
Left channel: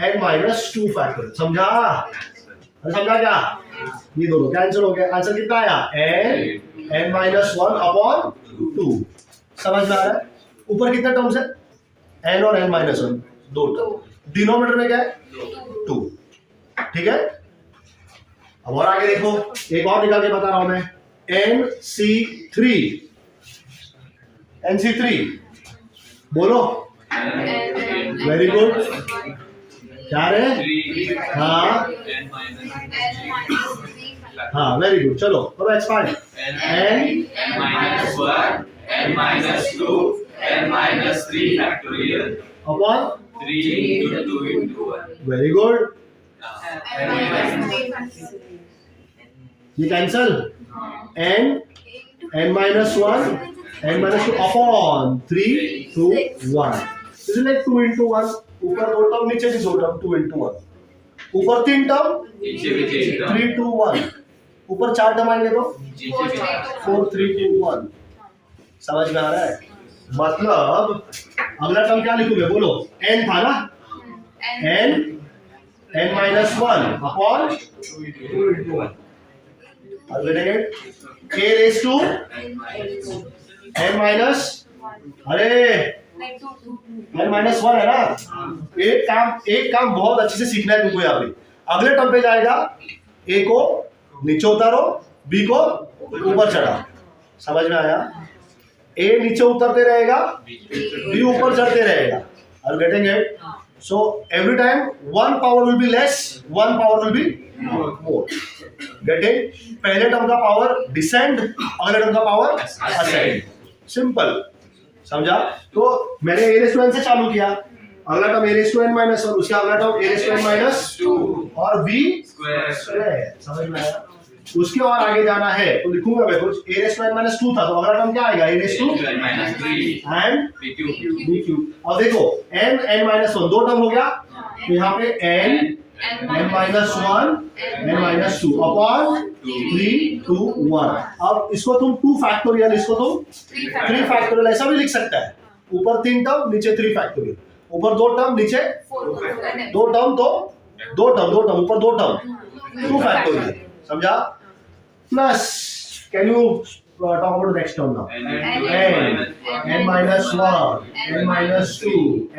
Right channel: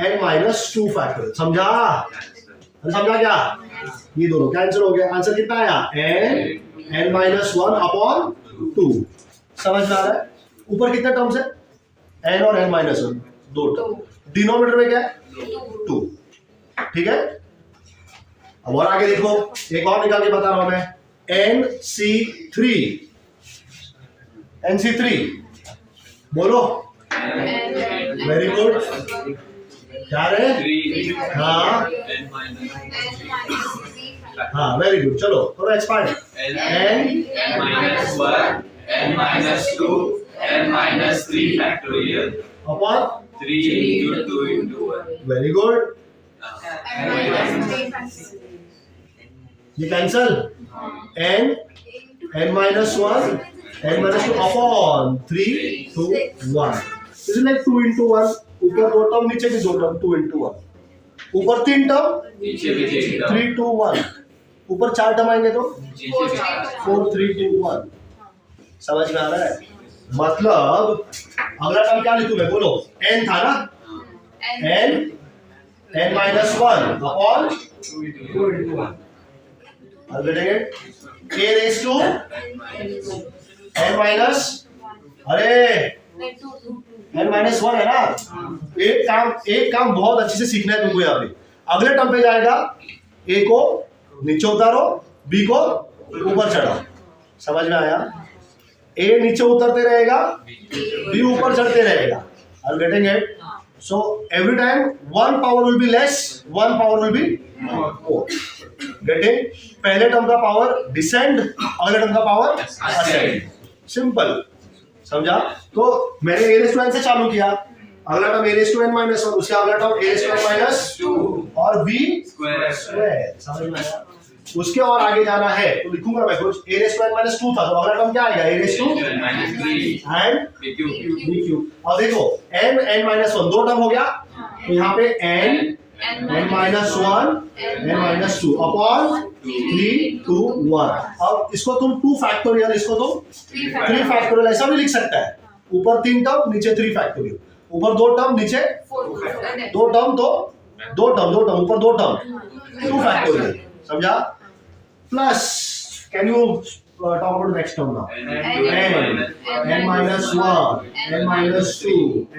n minus 2 factorial. समझा? अरे समझा क्या? ये दोनों कैंसिल हो गया. आंसर कितना आया? n minus 1 upon 2. समझ में आ रहा है? ऊपर कितने टर्म्स है? n और n minus 1 दो टर्म. डिनोमिनेटर में क्या है? 2. ठीक है? अब और आगे देखो, एक और निकाल के बता रहा हूं मैं. NC3 बोलो. Very good. क्या रे? हाँ हाँ वेरी गुड. चलो करो expand. n minus 1 n minus 2 n minus 3 factorial upon 3 into 2 into 1. Very good. n minus 3 factorial. ये cancel. n minus 1 n minus 2 upon 3 2 1. This is like 2 into 1. ऊपर दो टर्म नीचे भी दो टर्म. 2 into 1. ऊपर 3 term नीचे भी 3 3 2 1. ऊपर 4 टर्म आएंगे तो नीचे भी 4 3 2 1. समझ में आ रहा है? मतलब अगला टर्म क्या लिखूं मैं? बोलो. n था ना? n minus 1 upon 2 into 1. I'll get it. A raised to n minus, अरे n minus 1 है ना? एक काम बहुत अच्छे से सीखना है तुमको यहाँ पे. अगले टर्म पे जाएगा, a को नीचे उतारो, b को ऊपर चढ़ाओ. समझ में आया? a नीचे उतरते रहेगा, b ऊपर चढ़ते रहेगा. Are you getting it? So every time one power will be less, one power will be more. Getting? पहले टर्म का पावर डिसेंड, अगले टर्म का पावर असेंड. सिंपल. समझा? तो मैंने a raised to n से चालू किया. अगला term a raised to n minus 1, उसका अगला term a raised to n minus 2 और b स्क्वायर. समझ में आया? उसके और आगे जाना है तो लिखूंगा मैं कुछ. a raised to n minus 2 था तो अगला टर्म क्या आएगा? a raised to n minus 3 and b cube. अब देखो n minus 1 दो टर्म हो गया तो यहाँ पे n minus 1 n minus 2 upon 3 2 1. अब इसको तुम 2 फैक्टोरियल, इसको तुम 3 फैक्टोरियल ऐसा भी लिख सकता है. ऊपर 3 टर्म नीचे 3 फैक्टोरियल. ऊपर 2 टर्म नीचे 2 टर्म तो 2 टर्म ऊपर 2 टर्म 2 फैक्टोरियल. समझा? Plus can you talk about the next term now. n minus 1 n minus 2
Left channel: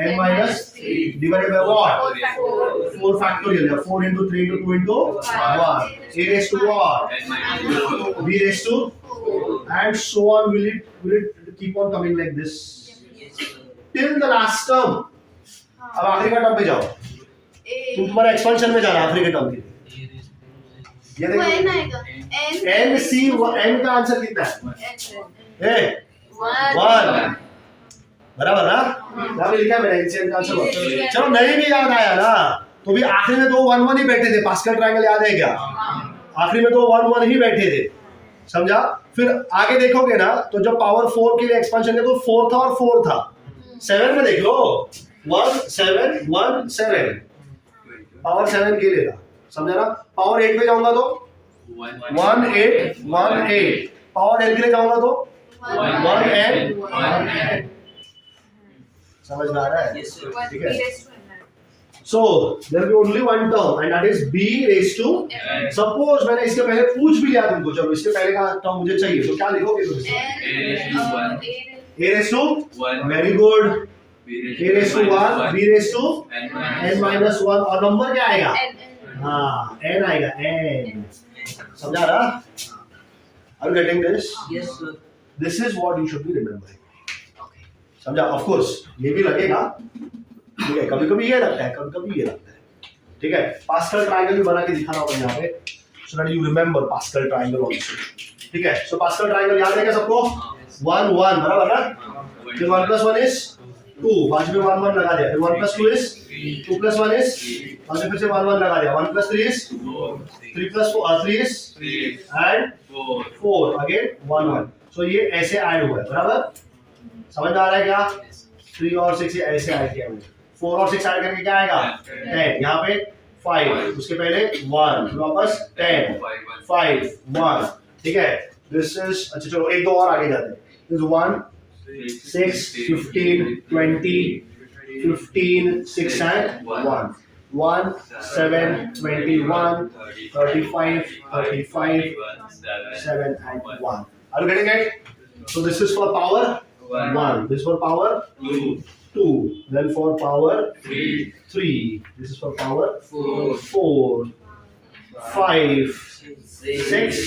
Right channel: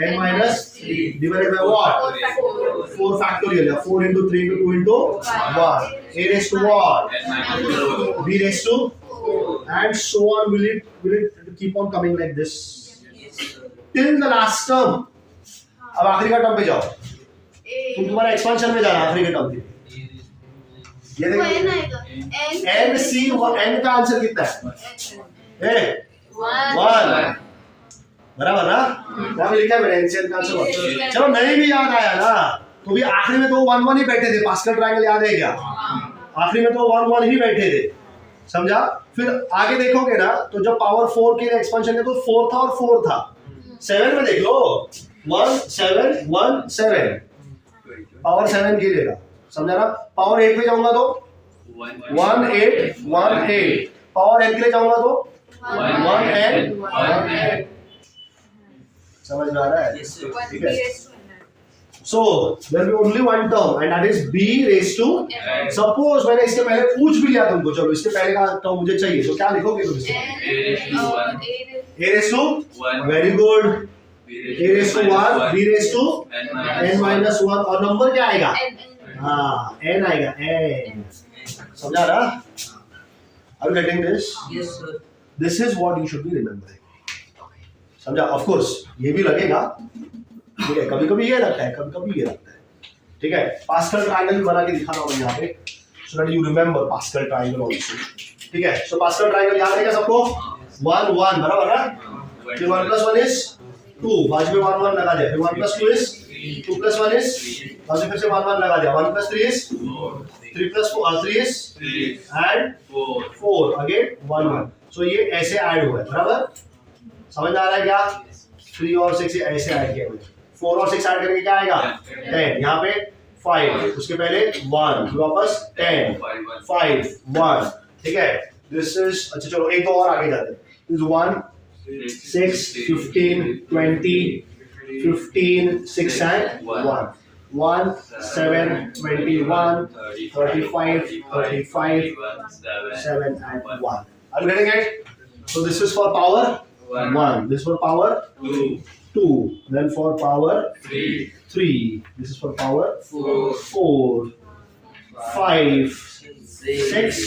n minus 3 divided by what? 4 factorial. 4 into 3 into 2 into 1. a raised to what? b raised to, and so on. Will it keep on coming like this till the last term? अब आखिरी का term पे जाओ. तुम्हारा expansion में जाना आखिरी के टर्म के. ये देखो n c n का आंसर कितना है? 1. बराबर ना? यहाँ पे लिखा है मैंने n c n का आंसर 1. चलो नहीं भी याद आया ना तो भी आखिरी में तो 1 1 ही बैठे थे. पास्कल ट्रायंगल याद है क्या? आखिरी में तो 1 1 ही बैठे थे. समझा? फिर आगे देखोगे ना तो जब पावर 4 के लिए एक्सपेंशन किया तो 4 था और 4 था. 7 में देख लो 1 7 1 7 पावर 7 के लिए था. समझा ना? पावर 8 पे जाऊंगा तो 1 8 1 8. पावर n के लिए जाऊंगा तो 1 n 1 n. समझ में आ रहा है? ठीक है. So there will be only one term and that is b raised to. Suppose मैंने इसके पहले पूछ भी लिया तुमको. चलो इसके पहले का टर्म मुझे चाहिए तो क्या लिखोगे तुम? a raised to 1. Very good. a raised to 1 b raised to n minus 1 और नंबर क्या आएगा? हाँ n आएगा n. समझा ना? Are you getting this? Yes, sir. This is what you should be remembering. समझा? Of course ये भी लगेगा. ठीक है, कभी कभी ये लगता है, कभी कभी ये लगता है. ठीक है, पास्कल ट्रायंगल भी बना के दिखाना होगा यहाँ पे so that you remember pascal triangle also. ठीक है, सो पास्कल ट्रायंगल याद है क्या सबको? 1 1 बराबर ना, फिर 1 + 1 इज 2, बाद में 1 1 लगा दिया, फिर 1 + 2 इज 2 + 1 इज, बाद में फिर से 1 1 लगा दिया, 1 + 3 इज 3 + 4 3 इज एंड 4 अगेन 1 1। सो ये ऐसे ऐड हुआ है, बराबर समझ में आ रहा है क्या? 3 और 6 ऐसे ऐड किया मैंने, 4 और 6 ऐड करके क्या आएगा? 10, यहाँ पे 5, उसके पहले 1, फिर वापस 10 5 1, ठीक है। दिस इज, अच्छा चलो एक दो और आगे जाते हैं। This 1 6 15 20 15 6 and 1 1 7 21 35 35 7 and 1। Are you getting it? So this is for power 1, this is for power 2, then for power 3, this is for power 4 5 6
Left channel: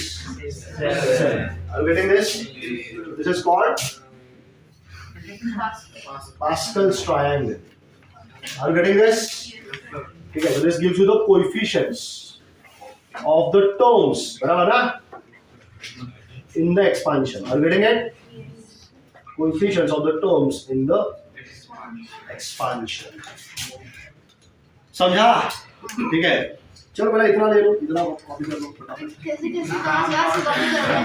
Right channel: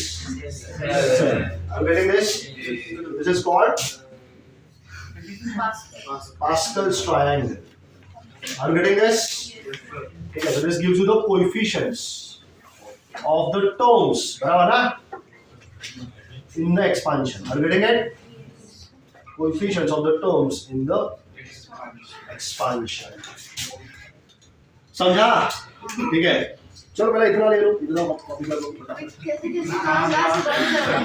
7। Are you getting this? This is called Pascal's triangle. Are you getting this? Okay, so this gives you the coefficients of the terms, बराबर ना? In the expansion. Are you getting it? Coefficients of the terms in the expansion. समझा? ठीक है, चलो पहले इतना ले लो, इतना कॉपी कर लो फटाफट। कैसे कैसे क्लास बंद करें?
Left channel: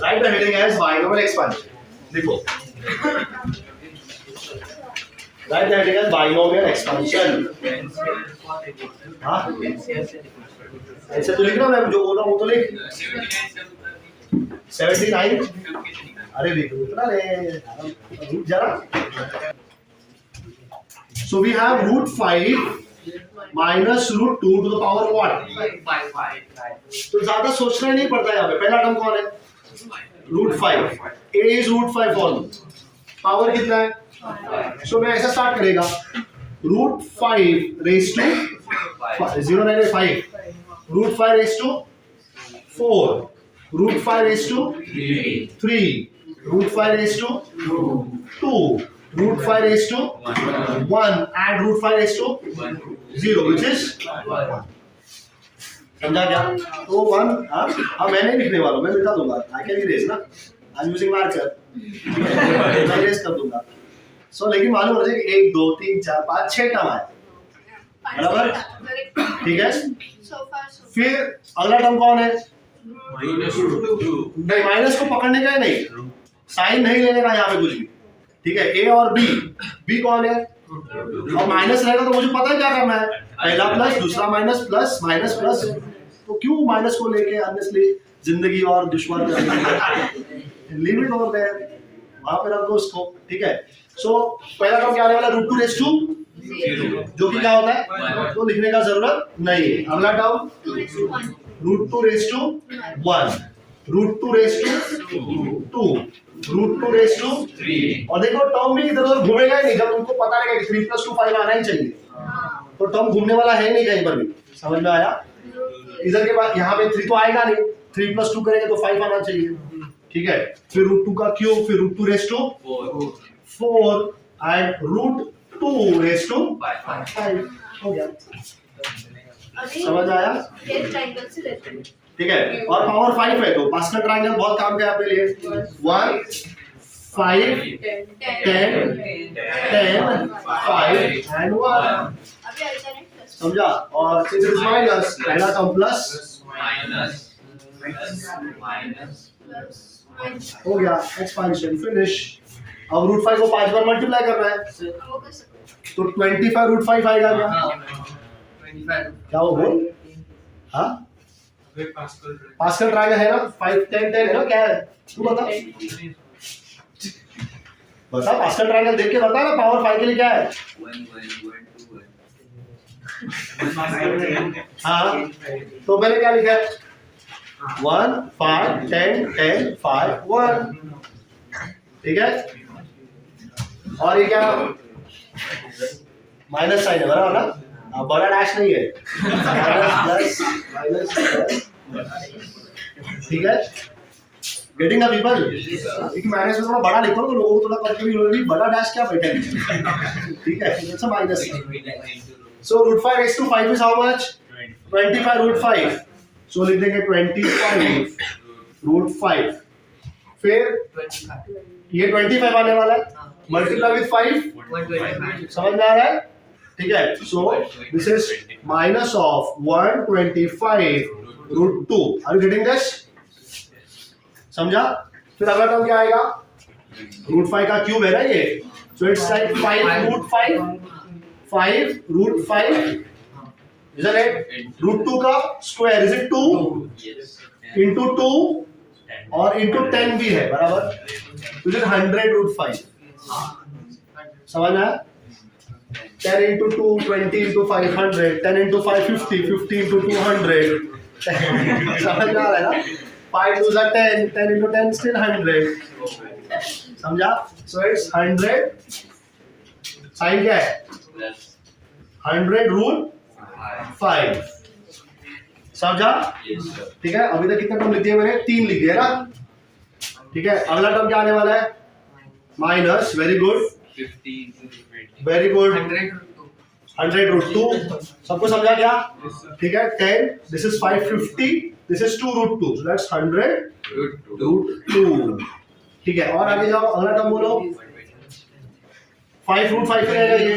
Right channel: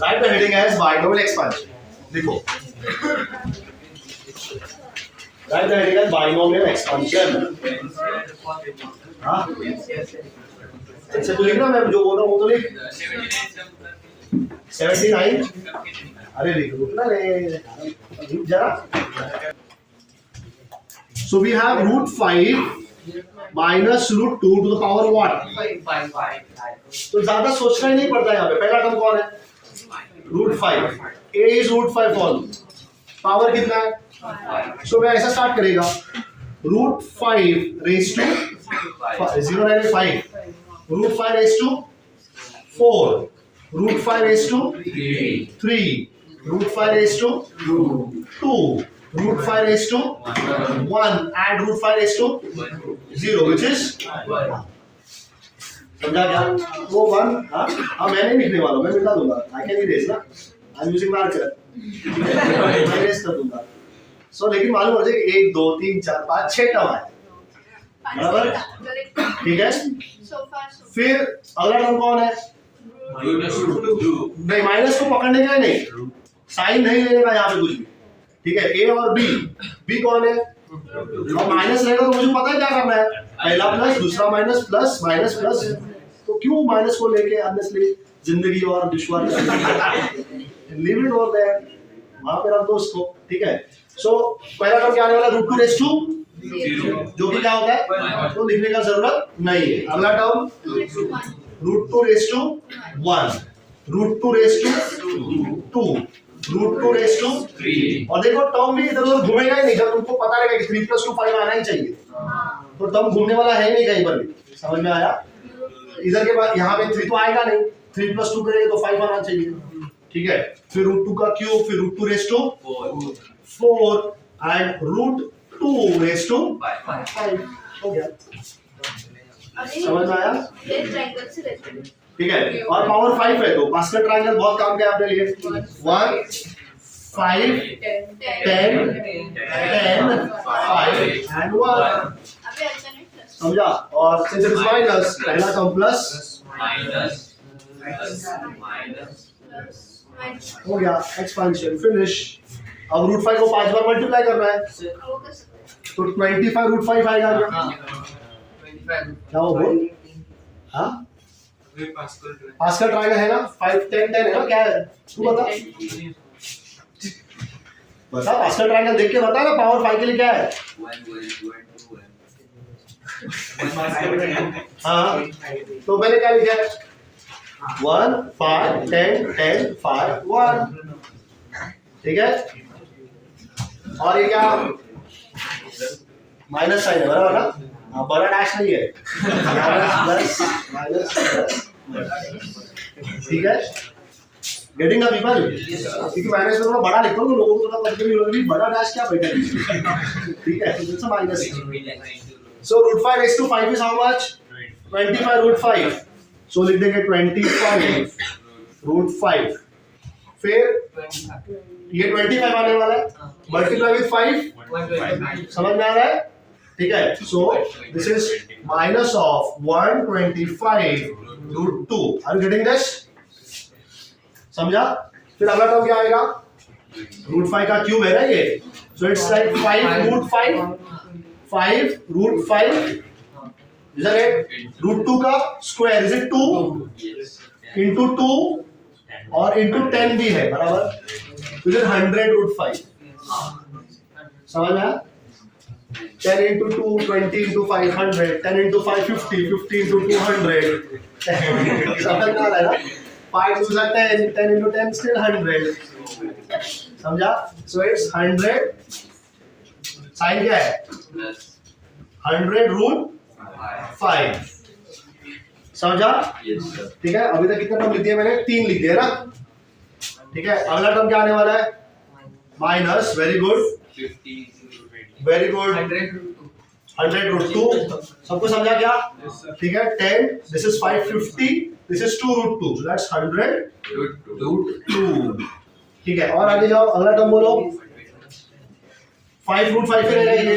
Write the heading as binomial expansion. देखो, write the heading as binomial expansion. हाँ, ऐसे तो लिखना, मैं जो बोल रहा हूँ वो तो लिख। 79, अरे लिख उतना ले, रुक जरा। So we have √5 minus √2 to the power what? तो ज्यादा सोचना ही नहीं पड़ता यहाँ पे। पहला टर्म कौन है? √5, a is √5 for me, power कितना है? So मैं ऐसा स्टार्ट करेगा, √5 raised to 0 9 5, √5 raised to 4, √5 raised to 3, √5 raised to 2, √5 raised to 1 and √5 raised to 0, which is 1। समझा क्या? तो 1, हाँ मैं नहीं लिखने वाला, मैं मिटा दूंगा, I can erase ना, I'm using marker, मैं erase कर दूंगा। So लेकिन मालूम हो जाए कि 1 2 3 4 5 6 टर्म आए, बराबर? ठीक है, फिर अगला टर्म कौन है? नहीं, माइनस को पकड़ने का ही नहीं, साइन नहीं लेने का यहाँ पे कुछ भी, ठीक है। ए और बी, बी कौन है? और माइनस रहेगा तो मुझे पता है क्या करना है, पहला प्लस दूसरा माइनस प्लस माइनस प्लस। तो क्यों माइनस को लेके अननेसली जिंदगी और दुश्मन लिमिट होता है, वहां पे रख दो उसको, ठीक है। सो पहला टर्म क्या आने वाला? √2 raised to 0, जो कि क्या होता है, तो लिखने का जरूरत नहीं है। अगला term √2 raised to 1, √2 raised to 2, √2 raised to 3। और देखो टर्म भी इधर उधर घूमेगा ही नहीं, जब तुमको पता रहेगा कि 3 + 2 5 आना ही चाहिए, तो टर्म घूमने वाला है नहीं कहीं पर भी। समझ में आया? इधर के बाद यहाँ पे 3 तो आएगा नहीं, 3 + 2 करेंगे तो 5 आना चाहिए, ठीक है। फिर √2 का क्यूब, फिर √2 raised to 4 and √2 raised to 5 हो गया। समझ आया? ये ट्रायंगल से रहते हैं। ठीक है, और पावर 5 है तो पास्कल ट्रायंगल बहुत काम का है अपने लिए। 1 5 10 10 5 एंड 1, अभी अल्टरनेट प्लस समझा? और सिंस इट इज माइनस, पहला टर्म प्लस हो गया, एक्सपेंशन फिनिश। अब √5 को 5 बार मल्टीप्लाई करना है, वो कर सकते हैं। तो 25 √5 आएगा क्या? क्या वो बोल? हाँ, पास्कल ट्रायंगल है ना, 5 10 10 है ना, क्या है तू बता, बता पास्कल ट्रायंगल देख के बता ना, पावर 5 के लिए क्या है? हाँ, तो मैंने क्या लिखा है? 1 5 10 10 5 1, ठीक है। और ये क्या? माइनस साइन है, बराबर ना? बड़ा डैश नहीं है, माइनस प्लस, ठीक है। Getting the people? क्योंकि मैंने इसमें थोड़ा बड़ा लिखा हूँ तो लोगों को थोड़ा कभी बड़ा डैश क्या बैठा है, ठीक है। तो it's a minus. So √5 raised to 5 is how much? 25 √5. सो लिख देंगे 25 रूट 5, फिर ये 25 आने वाला है, मल्टीप्लाई विथ 5, समझ में आ रहा है? ठीक है, so this is minus of 125 root 2, are you getting this? समझा? फिर अगला टर्म क्या आएगा? रूट 5 का क्यूब है ना ये, so it's like 5 root 5 root 5, isn't it? Root 2 का स्क्वायर, इज इट 2 इंटू 2 और इंटू 10 भी है, बराबर, इज इट 100 रूट 5? समझ में आया? 10 into 2, 20 into 5, 100, 10 into 5, 50, 50 into 200. समझ में आ रहा है ना? 5 2s are 10, 10 into 10 still 100. समझा? So it's 100. साइन क्या है? 100 रूट 5. समझा? ठीक है, अभी तक कितने टर्म लिख दिए मैंने? 3 लिख दिए ना? ठीक है, अगला टर्म क्या आने वाला है? Minus, very good, 50 very good, 100 root 2. सबको समझा क्या? ठीक है, 10, this is 550, this is 2 root 2, so that's 100 root 2. ठीक है, और आगे जाओ, अगला टर्म बोलो. 5 रूट 5 रहेगा ये,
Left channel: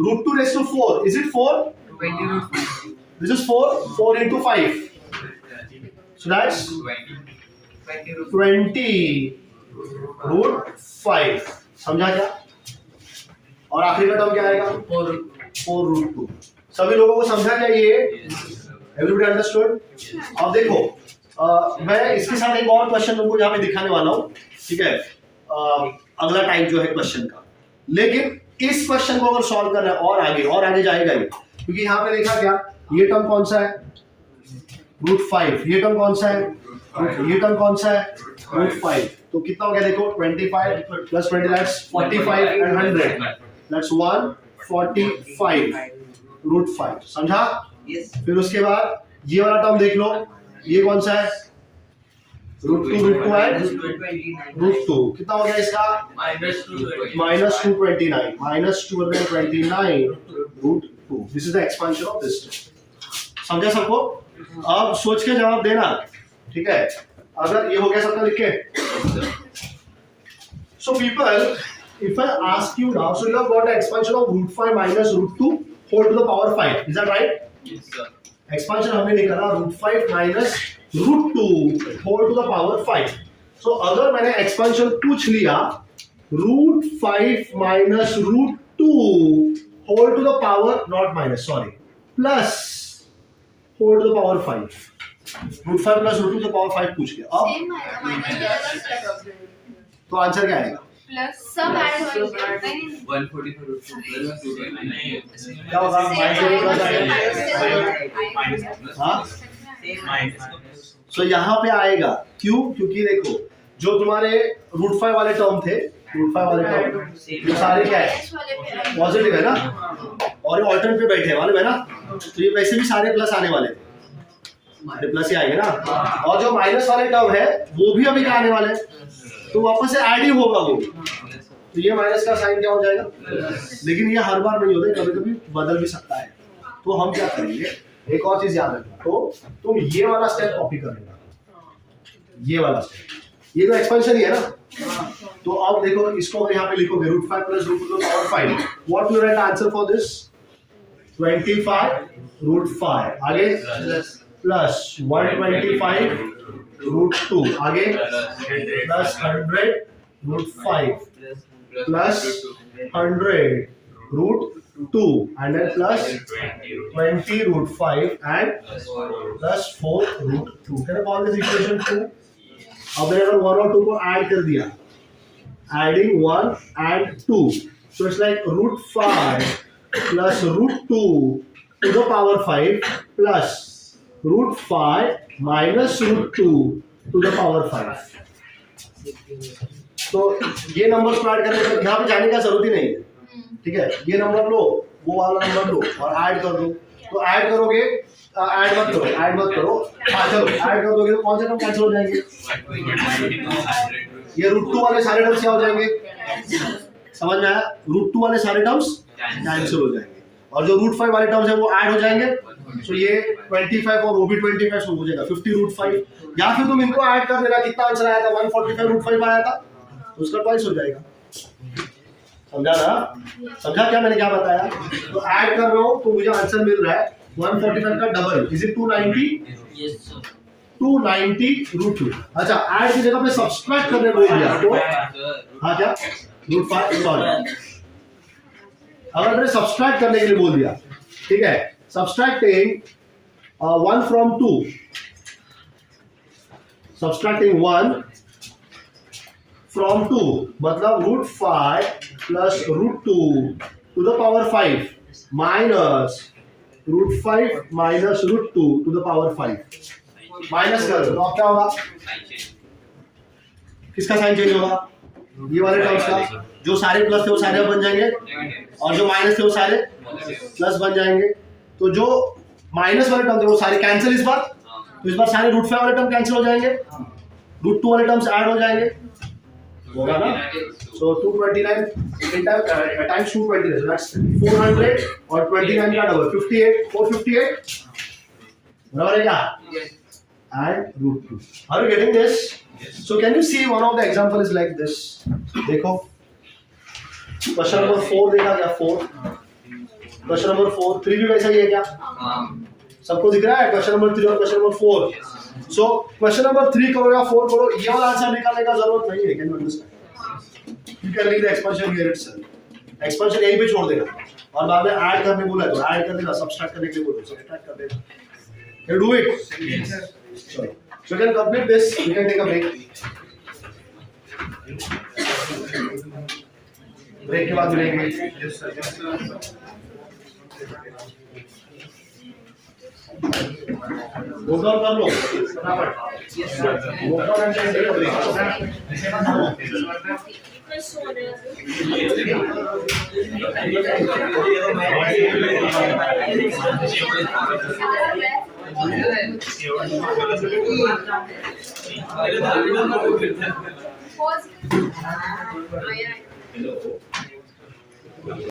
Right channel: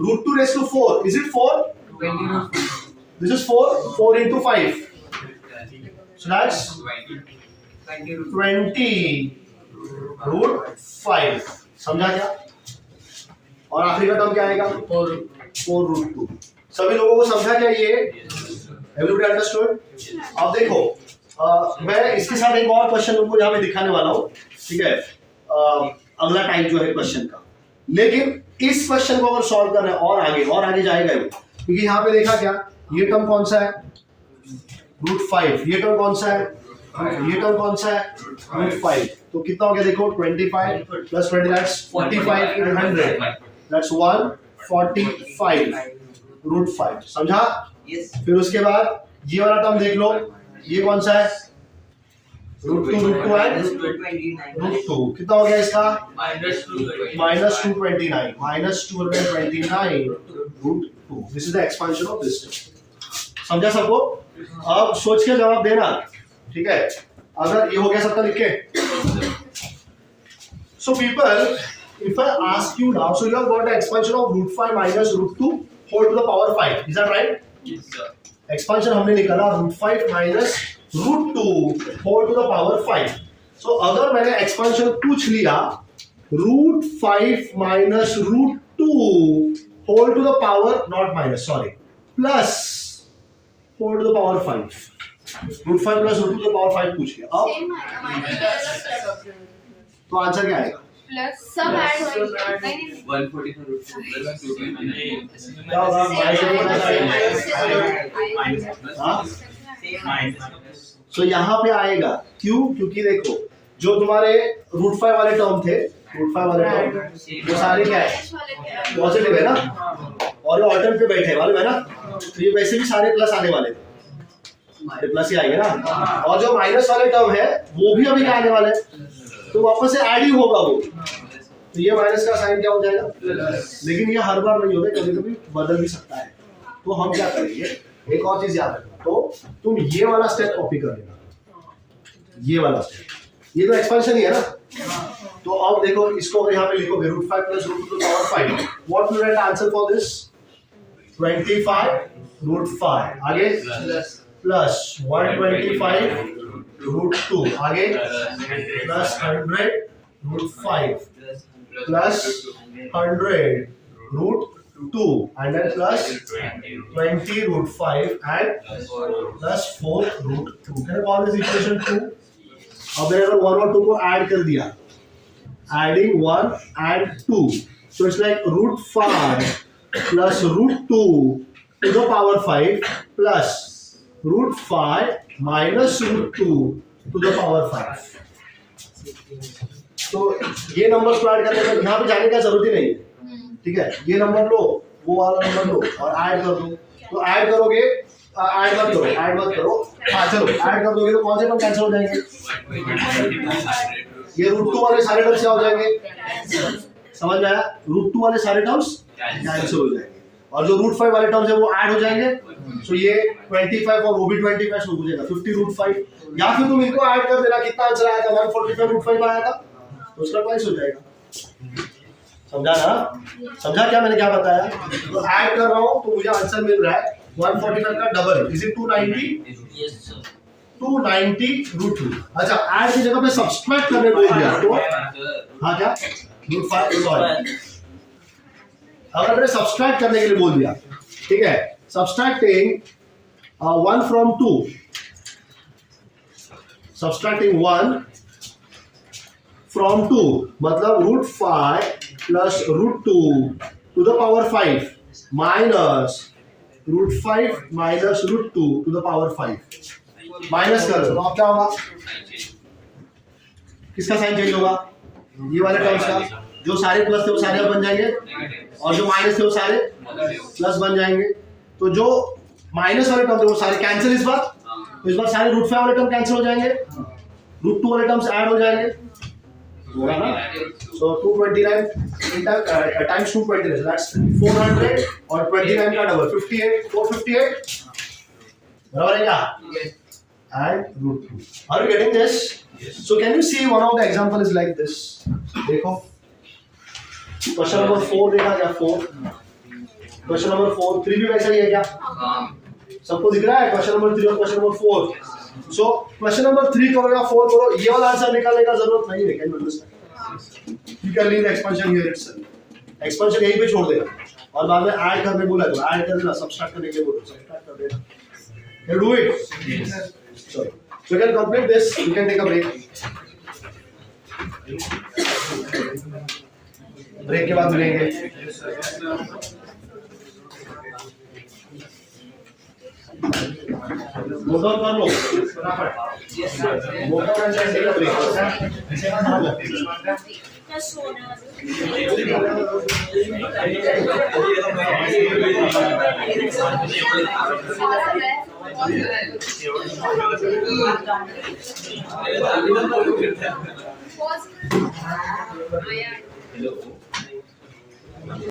root 2 raise to 4, is it 4? This is 4 into 5, so that's 20 root 5. समझा क्या? और आखिरी का टर्म क्या आएगा? 4 रूट 2. सभी लोगों को समझा क्या ये? Everybody understood? अब देखो, मैं इसके साथ एक और क्वेश्चन तुमको यहाँ पे दिखाने वाला हूँ, ठीक है, अगला टाइप जो है क्वेश्चन का. लेकिन इस क्वेश्चन को अगर सॉल्व करना है और आगे जाएगा ही, क्योंकि यहाँ पे देखा क्या, ये टर्म कौन सा है? रूट 5. ये टर्म कौन सा है? ये टर्म कौन सा है? रूट 5. तो कितना हो गया देखो, 25 plus 20 that's 45 and 100, that's 145 root 5. समझा? फिर उसके बाद ये वाला टर्म देख लो, ये कौन सा है? Root 2 and root 2. कितना हो गया इसका? Minus 229, minus 229 root 2. This is the expansion of this term. समझा सबको? अब सोच के जवाब देना, ठीक है? अगर ये हो गया सबका लिख के. So people, if I ask you now, so you have got the expansion of root 5 minus root 2 whole to the power 5. Is that right? Yes, sir. Expansion हमने निकाला root 5 minus root 2 whole to the power 5. So अगर मैंने expansion पूछ लिया root 5 minus root 2 whole to the power, not minus, sorry, plus whole to the power 5. root 5 plus root 2 to the power 5 पूछ लिया. अब same है, minus के अलग स्टेप. तो आंसर क्या आएगा? प्लस सब ऐड होएंगे. 145 root 2 plus 229. क्या होगा? हाँ? सो यहाँ पे आएगा, क्यों? क्योंकि देखो, जो तुम्हारे रूट 5 वाले टर्म थे, रूट 5 वाले टर्म, ये सारे क्या है? एच वाले पे पॉजिटिव है ना, और ये ऑल्टर्नेट पे बैठे हैं, मालूम है ना? तो ये वैसे भी सारे प्लस आने वाले थे, सारे प्लस ही आएंगे ना. और जो माइनस वाले टर्म है वो भी अभी आने वाले हैं, तो वापस से ऐड ही होगा वो. तो ये माइनस का साइन क्या हो जाएगा? लेकिन ये हर बार नहीं होता, कभी कभी बदल भी सकता है. तो हम क्या करेंगे, एक और चीज याद रखना, तो तुम ये वाला स्टेप कॉपी कर लेना, ये वाला स्टेप, ये तो एक्सपेंशन ही है ना. तो अब देखो, इसको अगर यहाँ पे लिखोगे root 5 plus root 2 to the power 5, what will write answer for this? 25 root 5. आगे प्लस 125 रूट 2. आगे plus 100 root 5 plus 100 root 2 and then plus 20 root 5 and plus 4 root 2. Can I call this equation 2? अब मैंने अगर 1 और 2 को add कर दिया, adding 1 and 2, so it's like root 5 plus root 2 to the power 5 plus root 5 minus root 2 to the power 5. तो ये number को ऐड करने पर यहाँ पे जाने का जरूरत ही नहीं है, ठीक है? ये नंबर लो, वो वाला नंबर लो और ऐड कर दो. तो ऐड करोगे, ऐड मत करो. हाँ चलो, ऐड कर दोगे तो कौन से टर्म कैंसिल हो जाएंगे? ये रूट 2 वाले सारे टर्म्स क्या हो जाएंगे? समझ में आया? रूट 2 वाले सारे टर्म्स कैंसिल हो जाएंगे. और जो रूट 5 वाले टर्म्स है वो ऐड हो जाएंगे, तो ये 25 और वो भी 25 हो जाएगा 50 रूट 5, या फिर तुम इनको ऐड कर देना, कितना आंसर आया था 145 रूट 5 आया था, तो उसका ट्वाइस हो जाएगा। समझा ना? समझा क्या मैंने क्या बताया? तो ऐड कर रहा हूँ तो मुझे आंसर मिल रहा है 145 का double is it 290, yes sir 290 root 2। अच्छा ऐड की जगह पे सब्सट्रैक्ट करने बोल दिया तो हाँ क्या रूट 5 सॉरी, अगर मैंने सब्सट्रैक्ट करने के लिए बोल दिया, ठीक है, सब्सट्रैक्टिंग 1 फ्रॉम 2, सब्सट्रैक्टिंग 1 फ्रॉम 2 मतलब root 5 plus root 2 to the power 5 minus root 5 minus root 2 to the power 5, minus कर दो तो अब क्या होगा, किसका साइन चेंज होगा, ये वाले टर्म्स का, जो सारे प्लस थे वो सारे बन जाएंगे और जो माइनस थे वो सारे प्लस बन जाएंगे, तो जो माइनस वाले टर्म थे वो सारे कैंसिल इस बार, तो इस बार सारे रूट 5 वाले टर्म कैंसिल हो जाएंगे, रूट 2 वाले टर्म्स ऐड हो जाएंगे, होगा ना? सो 229 टाइम्स 229 दैट्स 400 और 29 का डबल 58 458 बराबर है क्या? And root 2. Are you getting this? Yes. So can you see one of the example is like this? देखो क्वेश्चन नंबर 4 देखा क्या 4, क्वेश्चन नंबर 4 3 भी वैसा ही है क्या? सबको दिख रहा है क्वेश्चन नंबर 3 और question number 4। So question number 3 करो या 4 करो, ये वाला आंसर निकालने का जरूरत नहीं है, can you understand? You can leave the expansion here itself, expansion यहीं पे छोड़ देना और बाद में ऐड करने बोला तो ऐड कर देना, सब्सट्रैक्ट करने के लिए बोलो सब्सट्रैक्ट कर देना। Can you do it? Yes. So you can complete this. You can take a break. Break के बाद मिलेंगे। नोट डाउन कर लो फटाफट। Note down and take a break. Hello.